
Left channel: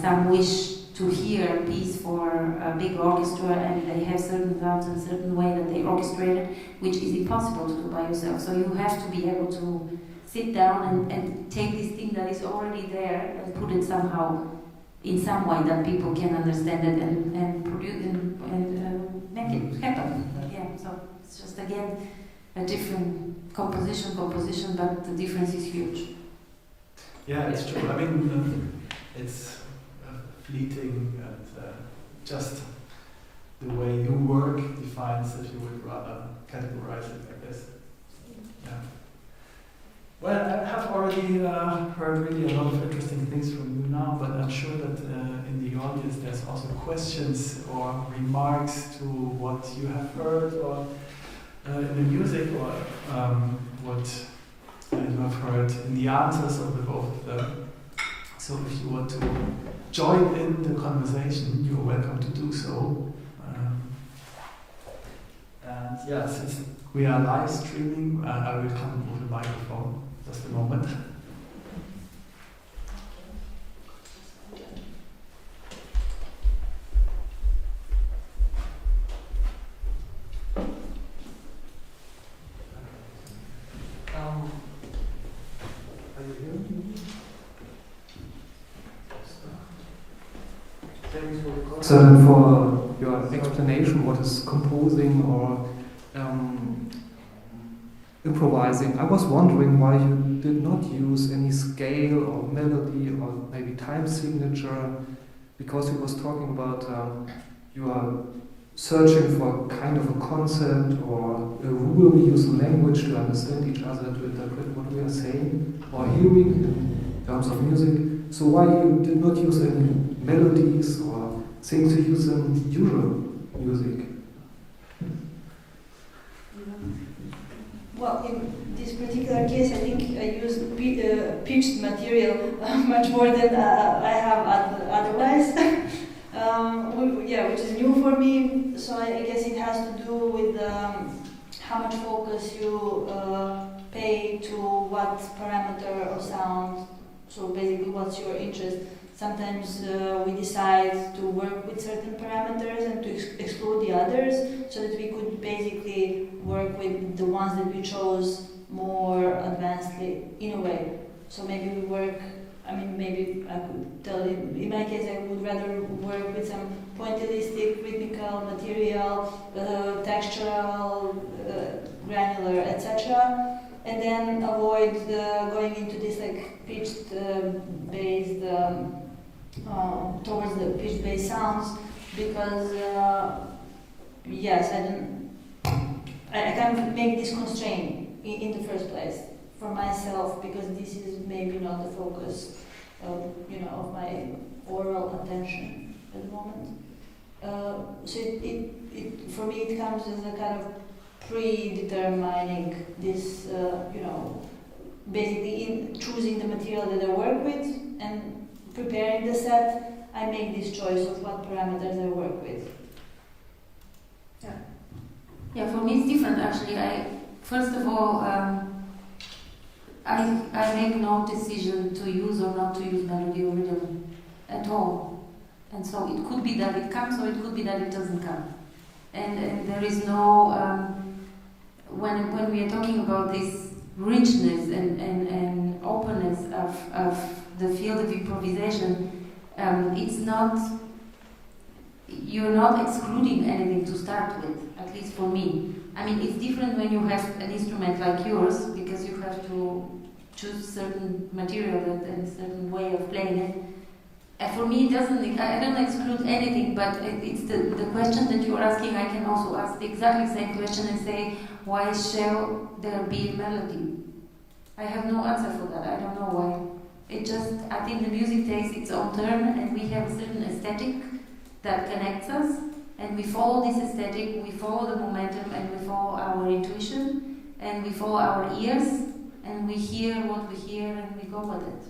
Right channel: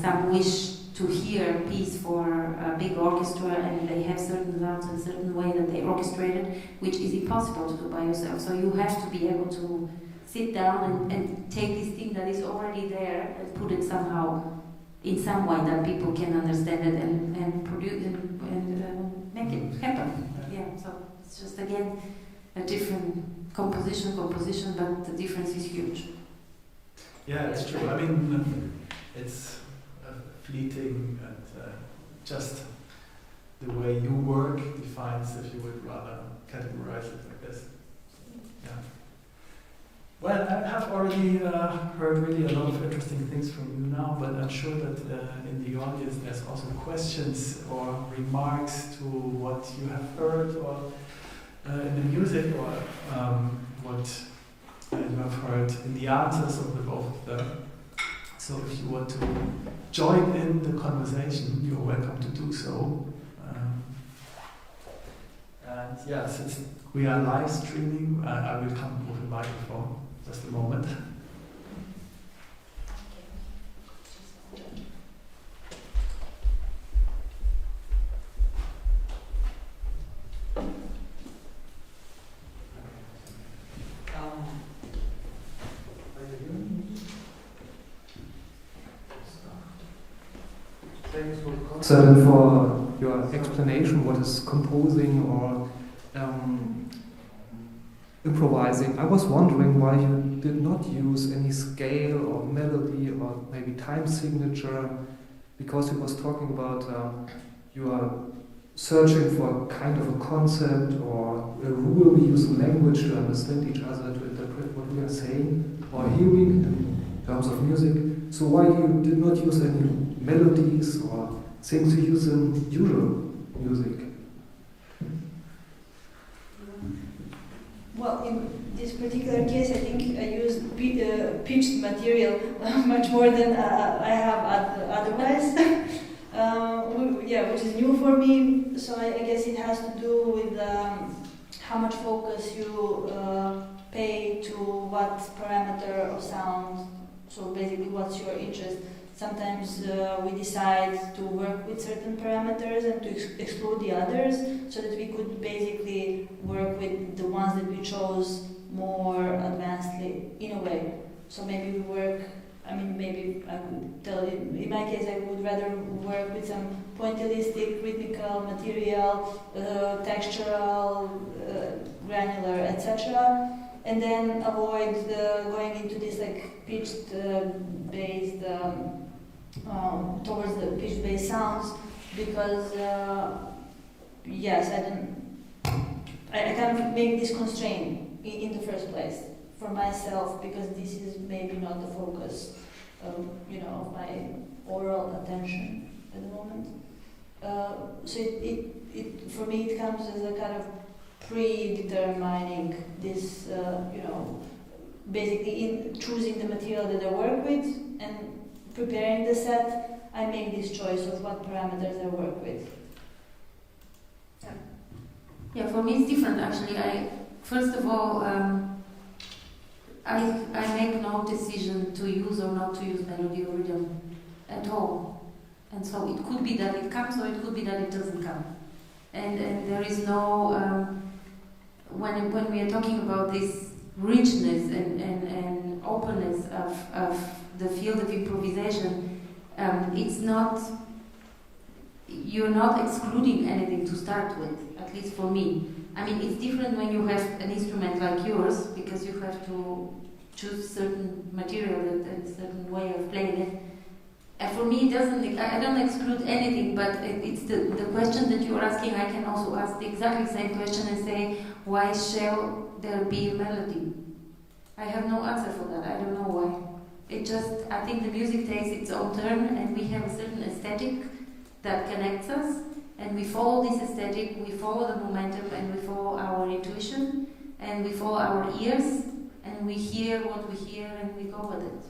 some wish to hear a piece for a big orchestra, and they have certain sounds in a certain way that they orchestrate it, which is impossible to do by yourself. So you have to be able to sit down and take this thing that is already there and put it somehow in some way that people can understand it and produce and make it happen. Yeah, so it's just again a different composition, but the difference is huge. Yeah, it's true. I mean, it's fleeting, and just the way you work defines if you would rather categorize it like this. Yeah. Well, I have already heard really a lot of interesting things from you now, but I'm sure that in the audience there's also questions or remarks to what you have heard, or in the music or what you have heard in the answers of the both of them. So if you want to join in the conversation, you're welcome to do so. And yeah, since we are live streaming, I will come with the microphone just a moment. So then for your explanation, what is composing or improvising, I was wondering why you did not use any scale or melody or maybe time signature, because you was talking about you are searching for kind of a concept or a rule. We use language to understand each other, to interpret what we are saying or hearing in terms of music. So why you did not use any melodies or things you use in usual music? Well, in this particular case, I think I used pitched material much more than I have otherwise. Which is new for me. So I guess it has to do with how much focus you pay to what parameter of sound. So basically, what's your interest? Sometimes we decide to work with certain parameters and to exclude the others, so that we could basically work with the ones that we chose more advancedly in a way. So maybe we work, maybe I could tell you, in my case I would rather work with some pointillistic, rhythmical material, textural, granular, etc. And then avoid going into this like pitched based towards the pitch based sounds, because I kind of make this constraint in the first place for myself, because this is maybe not the focus of my oral attention at the moment. So it for me it comes as a kind of predetermining this, basically in choosing the material that I work with and preparing the set, I make this choice of what parameters I work with. Yeah, for me it's different actually. First of all, I make no decision to use or not to use melody or rhythm at all. And so it could be that it comes or it could be that it doesn't come. And there is no, when we are talking about this richness and openness of the field of improvisation, it's not, you're not excluding anything to start with, at least for me. I mean, it's different when you have an instrument like yours, because you have to choose certain material and a certain way of playing it. And for me, I don't exclude anything, but it's the question that you are asking. I can also ask the exactly same question and say, why shall there be melody? I have no answer for that. I don't know why. I think the music takes its own turn, and we have a certain aesthetic that connects us, and we follow this aesthetic, we follow the momentum, and we follow our intuition, and we follow our ears, and we hear what we hear, and we go with it.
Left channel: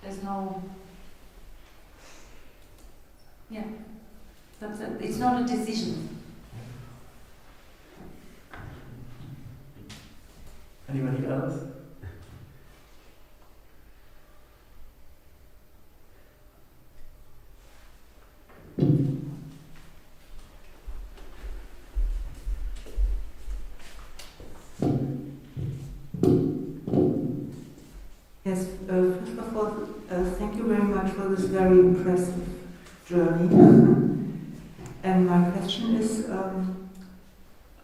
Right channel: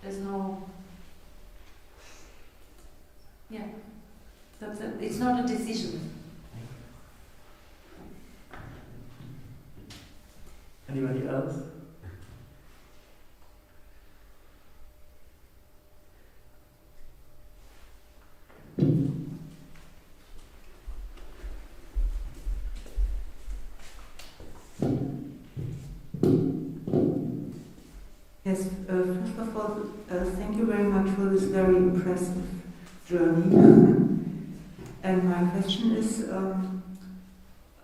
There's no... Yeah, that's it. It's not a decision. Anybody else? Yes, first of all, thank you very much for this very impressive journey. And my question is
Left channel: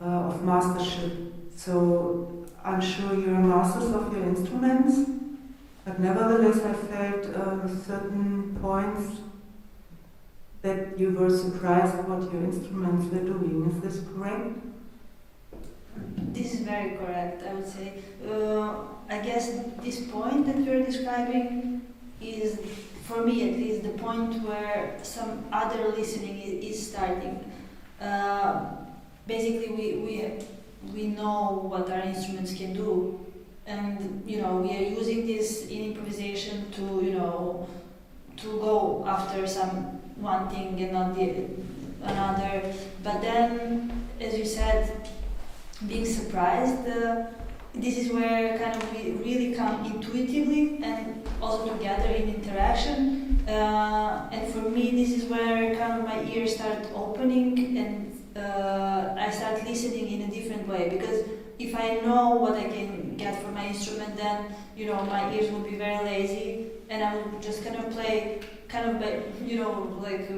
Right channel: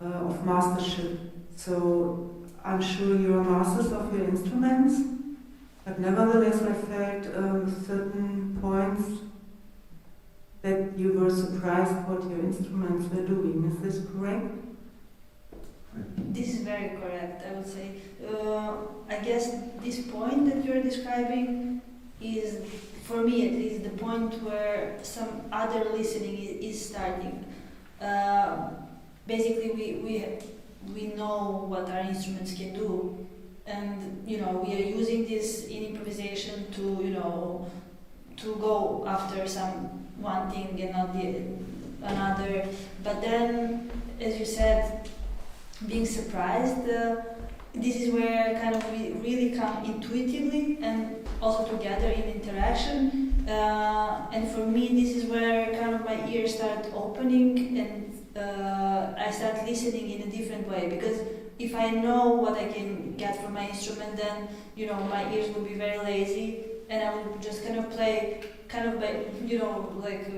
of mastership. So I'm sure you're masters of your instruments, but nevertheless I felt certain points that you were surprised what your instruments were doing. Is this correct? This is very correct, I would say. I guess this point that you're describing is, for me at least, the point where some other listening is starting. Basically, we know what our instruments can do, and we are using this in improvisation to to go after one thing and not another. But then, as you said, being surprised, this is where kind of we really come intuitively and also together in interaction. And for me, this is where kind of my ears start opening, and I start listening in a different way. Because if I know what I can get from my instrument, then my ears will be very lazy, and I will just kind of play kind of by like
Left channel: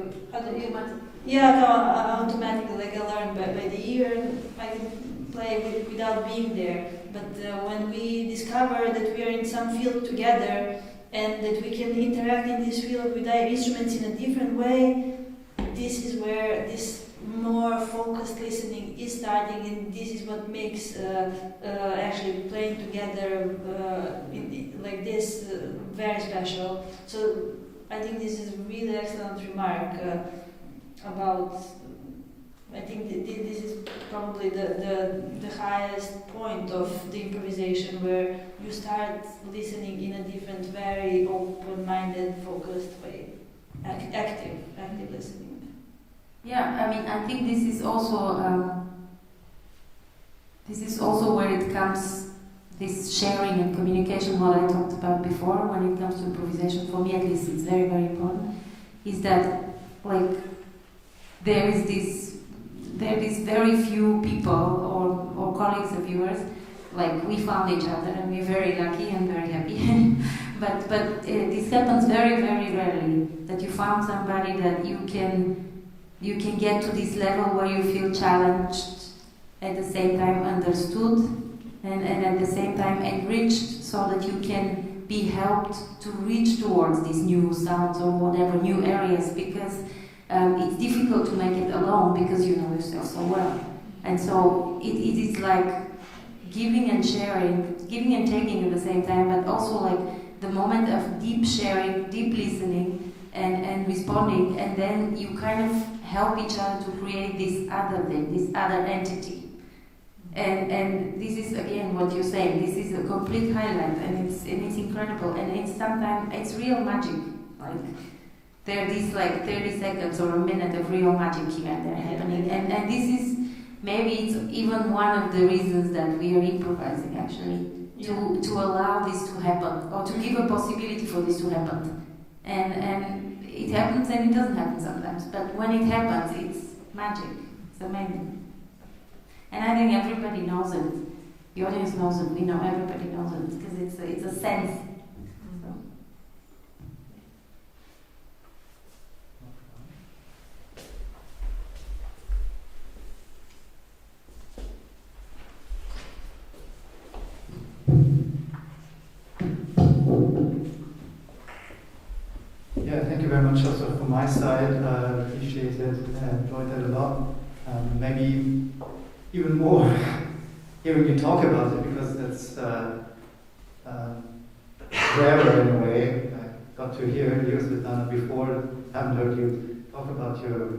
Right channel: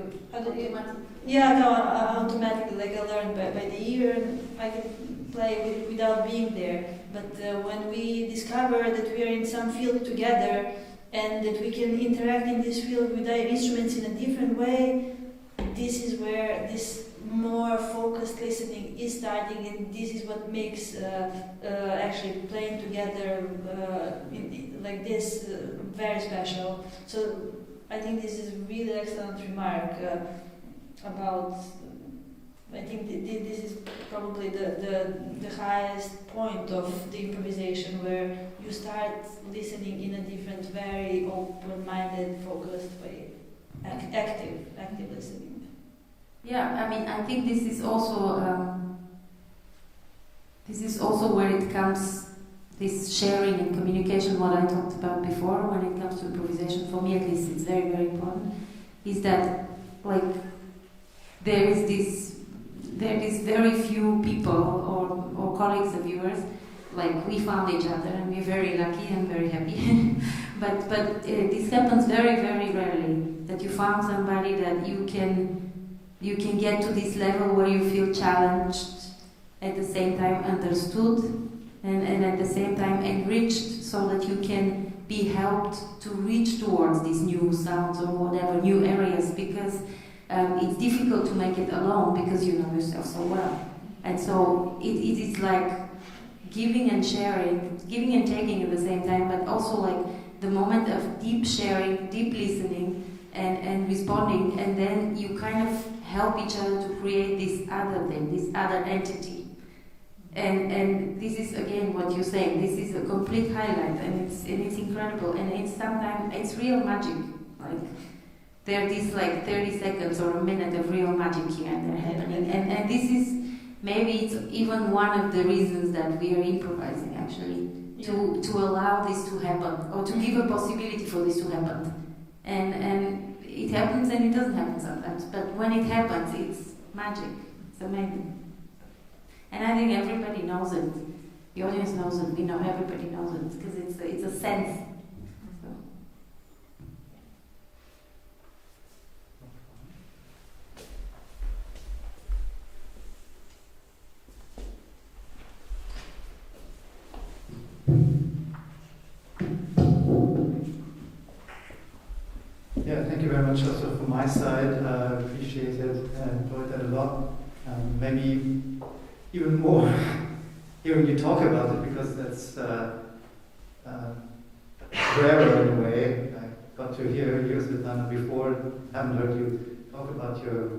automatically, like I learned by the ear, and I can play without being there. But when we discover that we are in some field together and that we can interact in this field with our instruments in a different way, this is where this more focused listening is starting, and this is what makes actually playing together like this very special. So I think this is a really excellent remark about. I think this is probably the highest point of the improvisation, where you start listening in a different, very open-minded, focused way, active listening. Yeah, I mean, I think this is also where it comes, this sharing and communication, what I talked about before, when it comes to improvisation. For me, at least, it's very, very important. Is that like there is very few people or colleagues of yours, like we found each other and we're very lucky and very happy. but this happens very, very rarely, that you found somebody that you can get to this level where you feel challenged, at the same time understood, and at the same time enriched, so that you can be helped to reach towards these new sounds or whatever, new areas, because it's difficult to make it alone, because you know yourself so well. And so it is like giving and sharing, giving and taking at the same time, but also like the moment of deep sharing, deep listening, and responding, and then you kind of help each other to create this other thing, this other entity. And this is again what you're saying. This is a complete highlight, and it's incredible, and it's sometimes it's real magic. Like there are these like 30 seconds or a minute of real magic here and there happening, and this is maybe it's even one of the reasons that we are improvising actually, to allow this to happen, or to give a possibility for this to happen. And it happens and it doesn't happen sometimes, but when it happens, it's magic. It's amazing. And I think everybody knows it. The audience knows it. We know everybody knows it, because it's a sense. So. Yeah, thank you very much also from my side. Appreciate it, enjoyed that a lot. Maybe even more hearing you talk about it, because that's rarer in a way. I got to hear you, Svetlana, before. Haven't heard you talk about your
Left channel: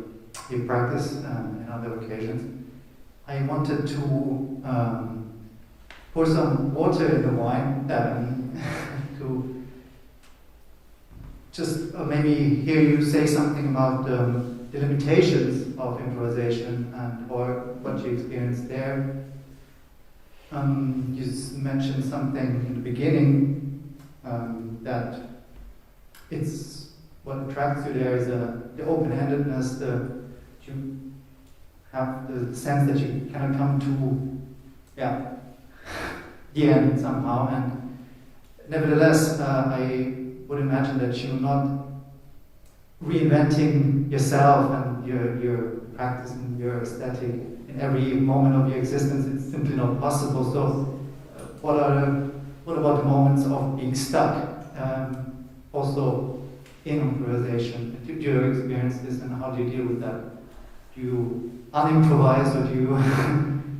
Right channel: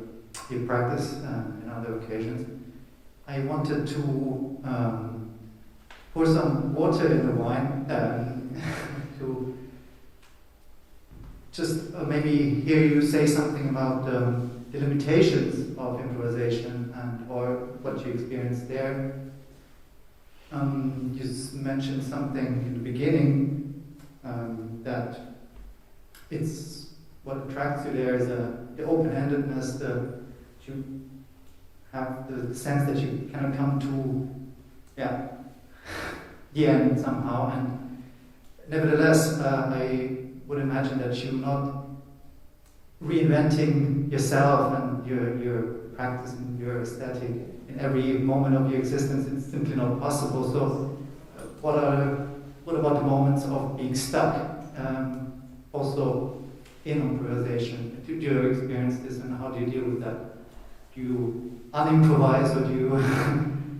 practice in other occasions. I wanted to pour some water in the wine to just maybe hear you say something about the limitations of improvisation or what you experienced there. You mentioned something in the beginning that it's what attracts you there is the open-handedness, you have the sense that you cannot come to the end somehow, and nevertheless I would imagine that you're not reinventing yourself and your practice and your aesthetic in every moment of your existence. It's simply not possible. So what about the moments of being stuck also in improvisation? Do you experience this, and how do you deal with that? Do you unimprovise, or do you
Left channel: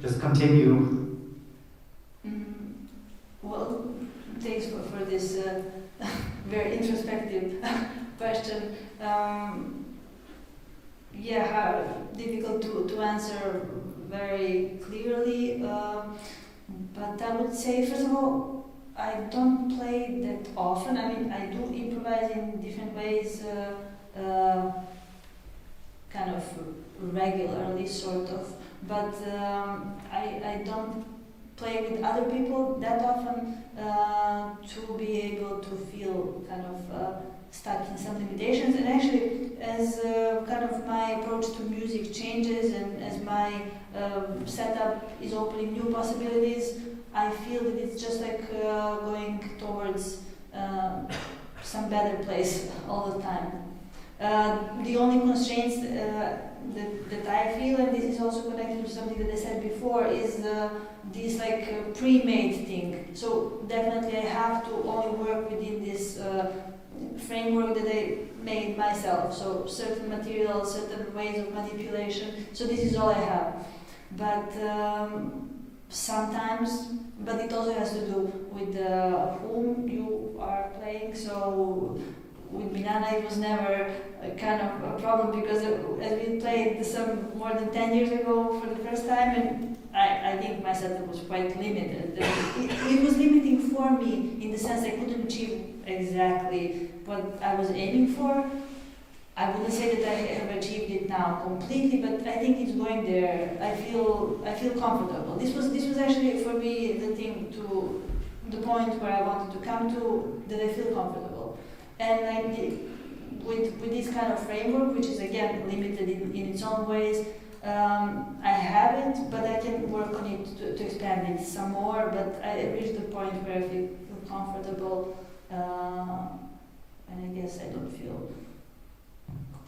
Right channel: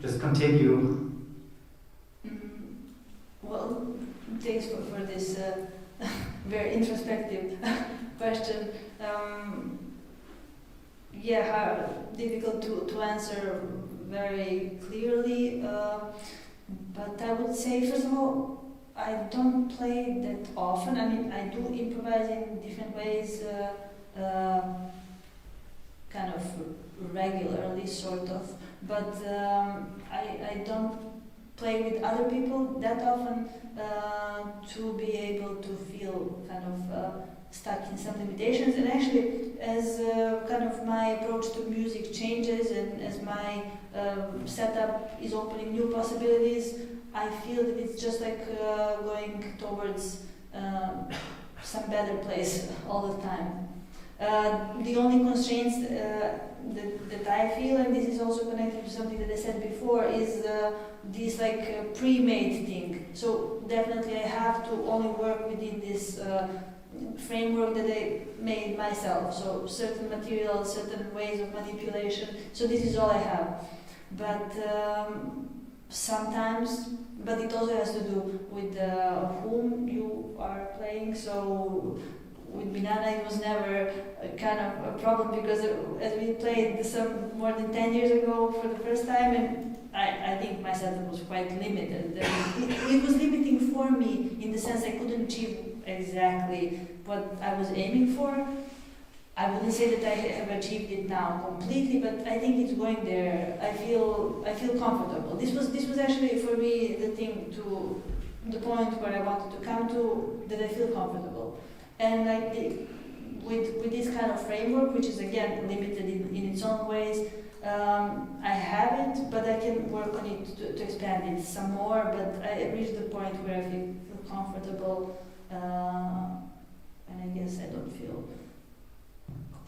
just continue? Well, thanks for this very introspective question. How difficult to answer very clearly. But I would say, first of all, I don't play that often. I mean, I do improvise in different ways, kind of regularly, sort of. But I don't play with other people that often to be able to feel kind of stuck in some limitations. And actually, as kind of my approach to music changes and as my setup is opening new possibilities, I feel that it's just like going towards some better place all the time. The only constraints that I feel, and this is also connected to something that I said before, is this like pre-made thing. So definitely I have to only work within this framework that I made myself. So certain materials, certain ways of manipulation. So this is all I have. But sometimes, but it also has to do with whom you are playing. So with Biliana it was never kind of a problem, because as we played some more than 10 years ago for the first time, and I think my setup was quite limited. It was limiting for me in the sense I couldn't achieve exactly what I was aiming for. I wouldn't say that I have achieved it now completely, but I think it's going there. I feel comfortable. This was actually for me the point where I wanted to come to, that I feel comfortable. And with this kind of framework, which is again limited in its own ways, I have it, but I can work on it to expand it some more. But I reached the point where I feel comfortable, and I guess I don't feel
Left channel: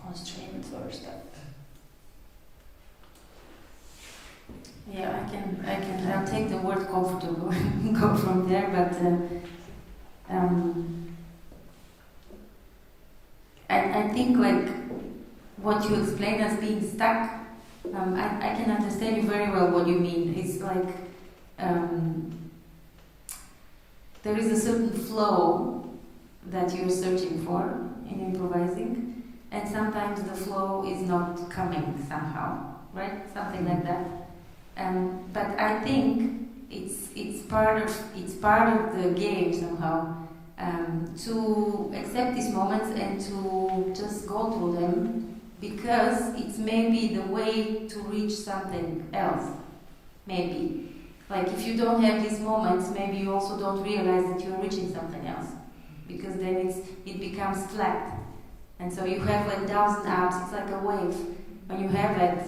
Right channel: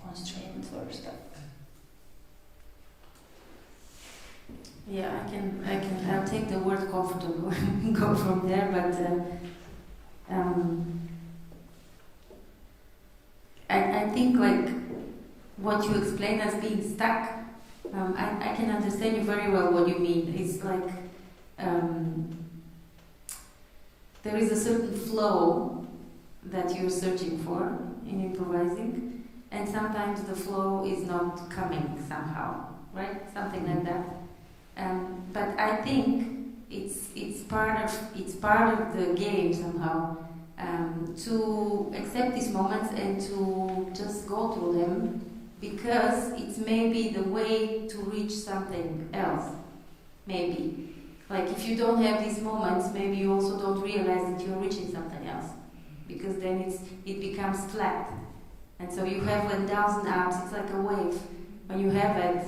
constrained or stuck. Yeah, I'll take the word comfortable and go from there, but I think like what you explain as being stuck, I can understand you very well what you mean. It's like there is a certain flow that you're searching for in improvising, and sometimes the flow is not coming somehow, right? Something like that. But I think it's part of the game somehow, to accept these moments and to just go through them, because it's maybe the way to reach something else. Maybe, like if you don't have these moments, maybe you also don't realize that you're reaching something else, because then it becomes flat, and so you have like downs and ups. It's like a wave. When you have it,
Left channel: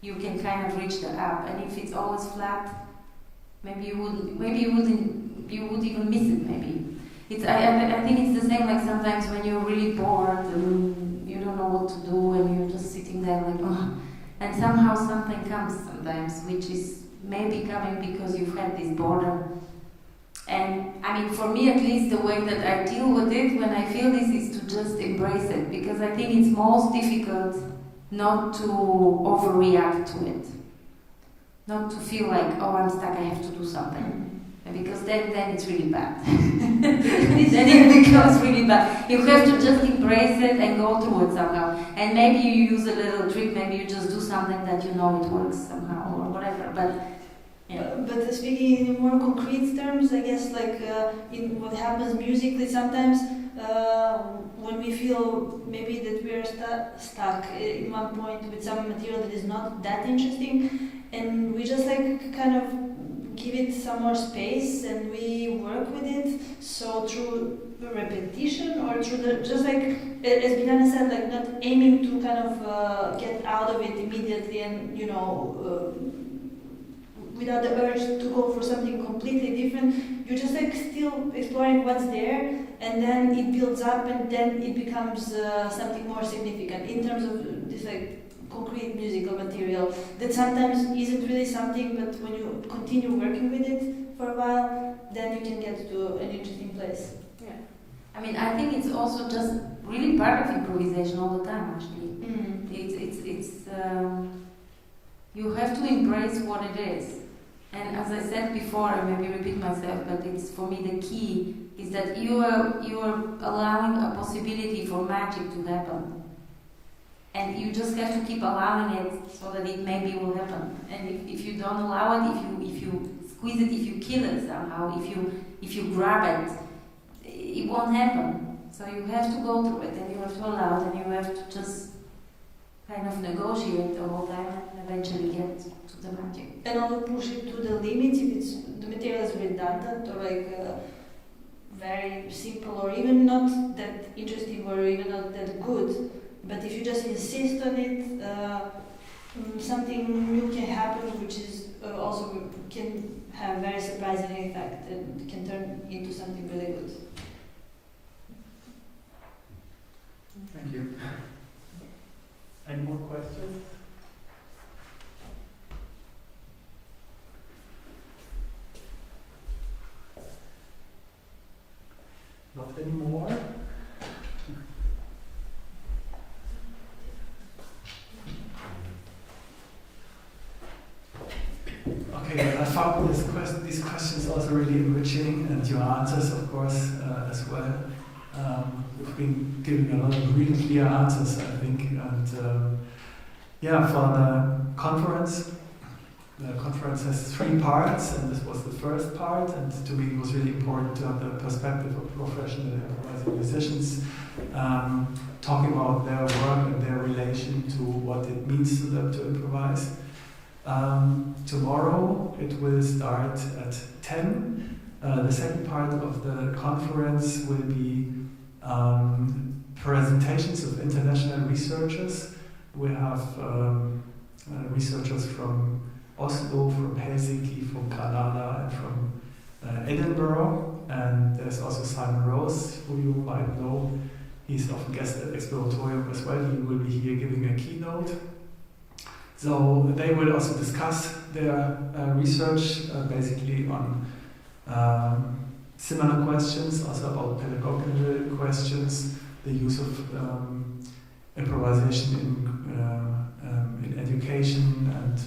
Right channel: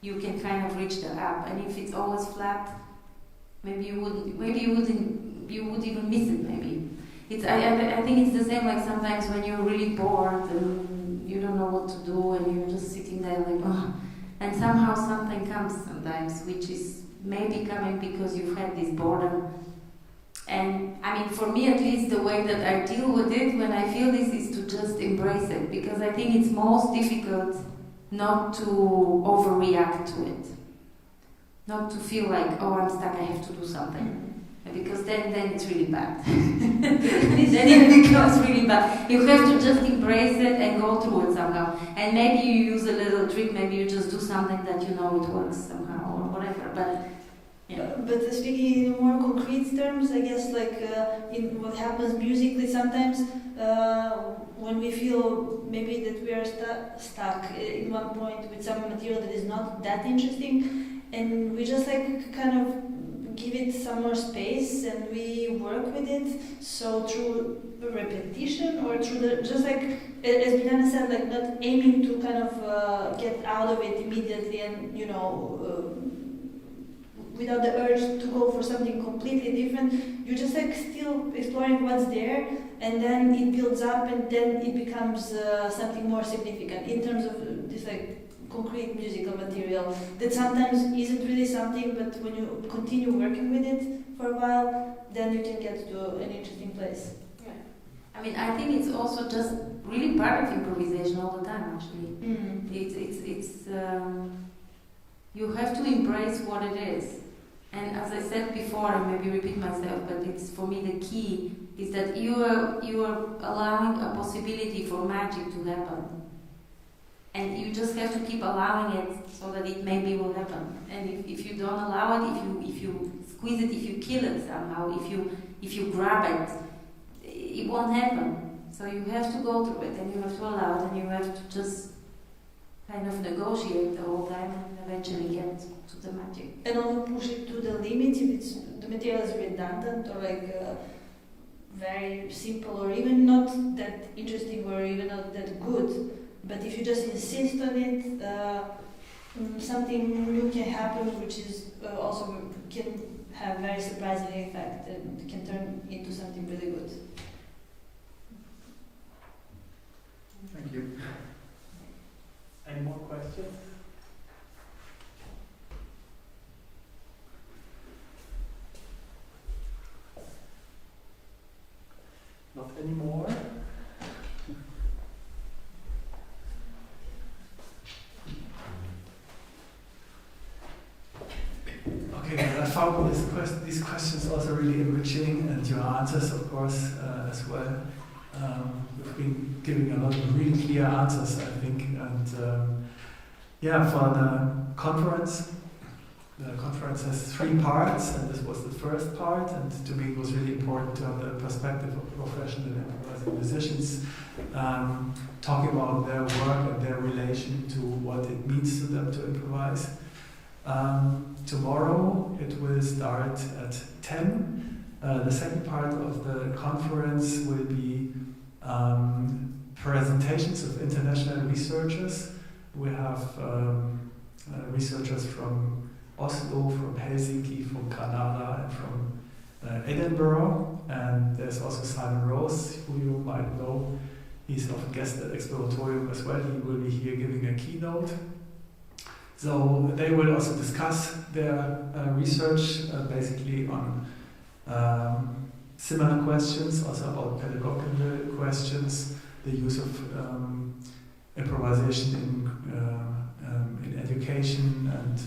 you can kind of reach the up, and if it's always flat, maybe you would even miss it. Maybe I think it's the same. Like sometimes when you're really bored and you don't know what to do, and you're just sitting there like, oh, and somehow something comes sometimes, which is maybe coming because you've had this boredom. And I mean, for me at least, the way that I deal with it when I feel this is to just embrace it, because I think it's most difficult not to overreact to it, not to feel like, oh, I'm stuck, I have to do something, because then it's really bad. Then it becomes really bad. You have to just embrace it and go through it somehow. And maybe you use a little trick, maybe you just do something that you know it works somehow or whatever. But yeah. But speaking in more concrete terms, I guess like in what happens musically sometimes, when we feel maybe that we are stuck in one point with some material that is not that interesting, and we just like kind of give it some more space and we work with it. So through repetition or through the, just like as Biliana said, like not aiming to kind of get out of it immediately and without the urge to go for something completely different, you're just like still exploring what's there, and then it builds up and then it becomes something more significant in terms of this like concrete musical material that sometimes isn't really something, but when you continue working with it for a while, then you can get to an interesting place. Yeah. I mean, I think it's also just really part of improvisation all the time, actually. It's you have to embrace what it is. And as I said before, I maybe repeat myself, but it's for me the key is that you are allowing a possibility for magic to happen. And you just have to keep allowing it so that it maybe will happen. And if you don't allow it, if you squeeze it, if you kill it somehow, if you grab it, it won't happen. So you have to go through it, and you have to allow it, and you have to just kind of negotiate the whole time and eventually get to the magic. And also push it to the limit if it's the material is redundant or like very simple or even not that interesting or even not that good. But if you just insist on it, something new can happen, which is also can have very surprising effect and can turn into something really good. Thank you. Any more questions? Not anymore. Okay, well, I found these questions also really enriching, and your answers, of course, as well. You've been giving a lot of really clear answers, I think. And yeah, for the conference has 3 parts, and this was the first part. And to me, it was really important to have the perspective of professional improvising musicians, talking about their work and their relation to what it means to them to improvise. Tomorrow it will start at 10. The second part of the conference will be presentations of international researchers. We have researchers from Oslo, from Helsinki, from Granada, and from Edinburgh. And there's also Simon Rose, who you might know. He's often guest at Exploratorium as well. He will be here giving a keynote. So they will also discuss their research basically on similar questions, also about pedagogical questions, the use of improvisation in education, and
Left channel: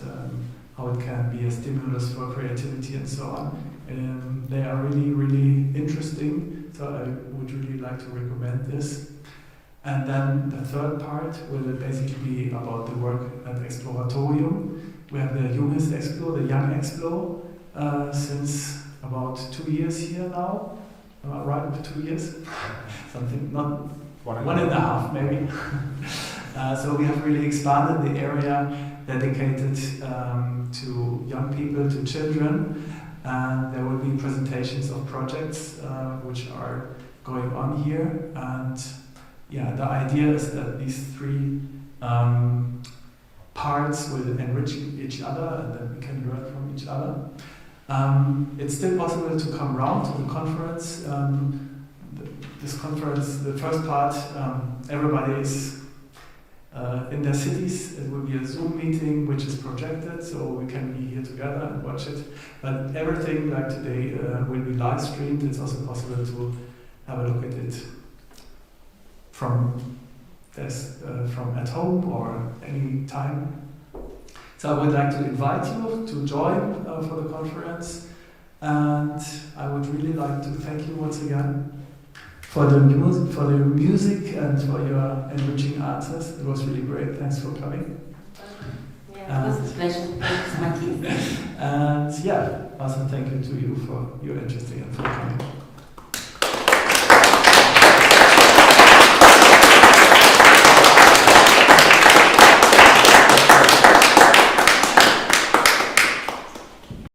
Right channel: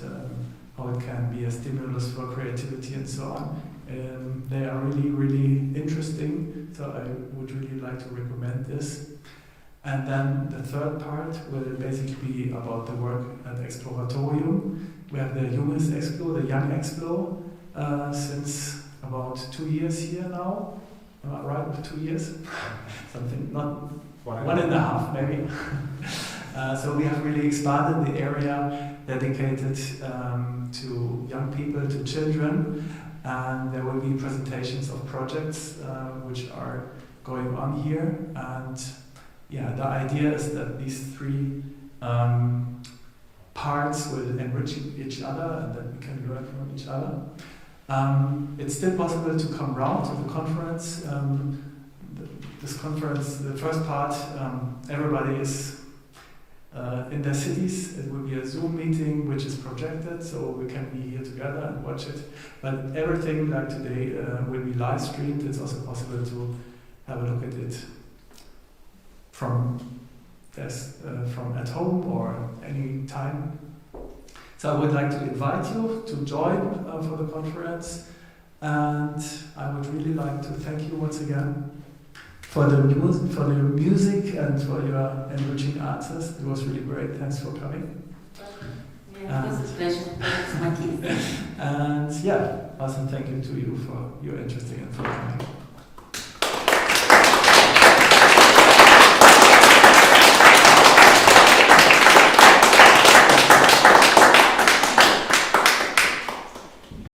how it can be a stimulus for creativity and so on. They are really, really interesting, so I would really like to recommend this. And then the third part will basically be about the work at Exploratorium. We have the youngest explo, the young explo, since about 2 years here now. Am I right with 2 years? Something, not 1.5 maybe. So we have really expanded the area dedicated to young people, to children. And there will be presentations of projects which are going on here. And yeah, the idea is that these 3 parts will enrich each other, and that we can learn from each other. It's still possible to come round to the conference. This conference, the first part, everybody is in their cities. It will be a Zoom meeting which is projected, so we can be here together and watch it. But everything like today will be live streamed. It's also possible to have a look at it from at home or any time. So I would like to invite you to join for the conference, and I would really like to thank you once again for the music and for your enriching answers. It was really great. Thanks for coming. Yeah, it was a pleasure. Thanks, Mathias. And yeah, also thank you to you for your interest and for coming.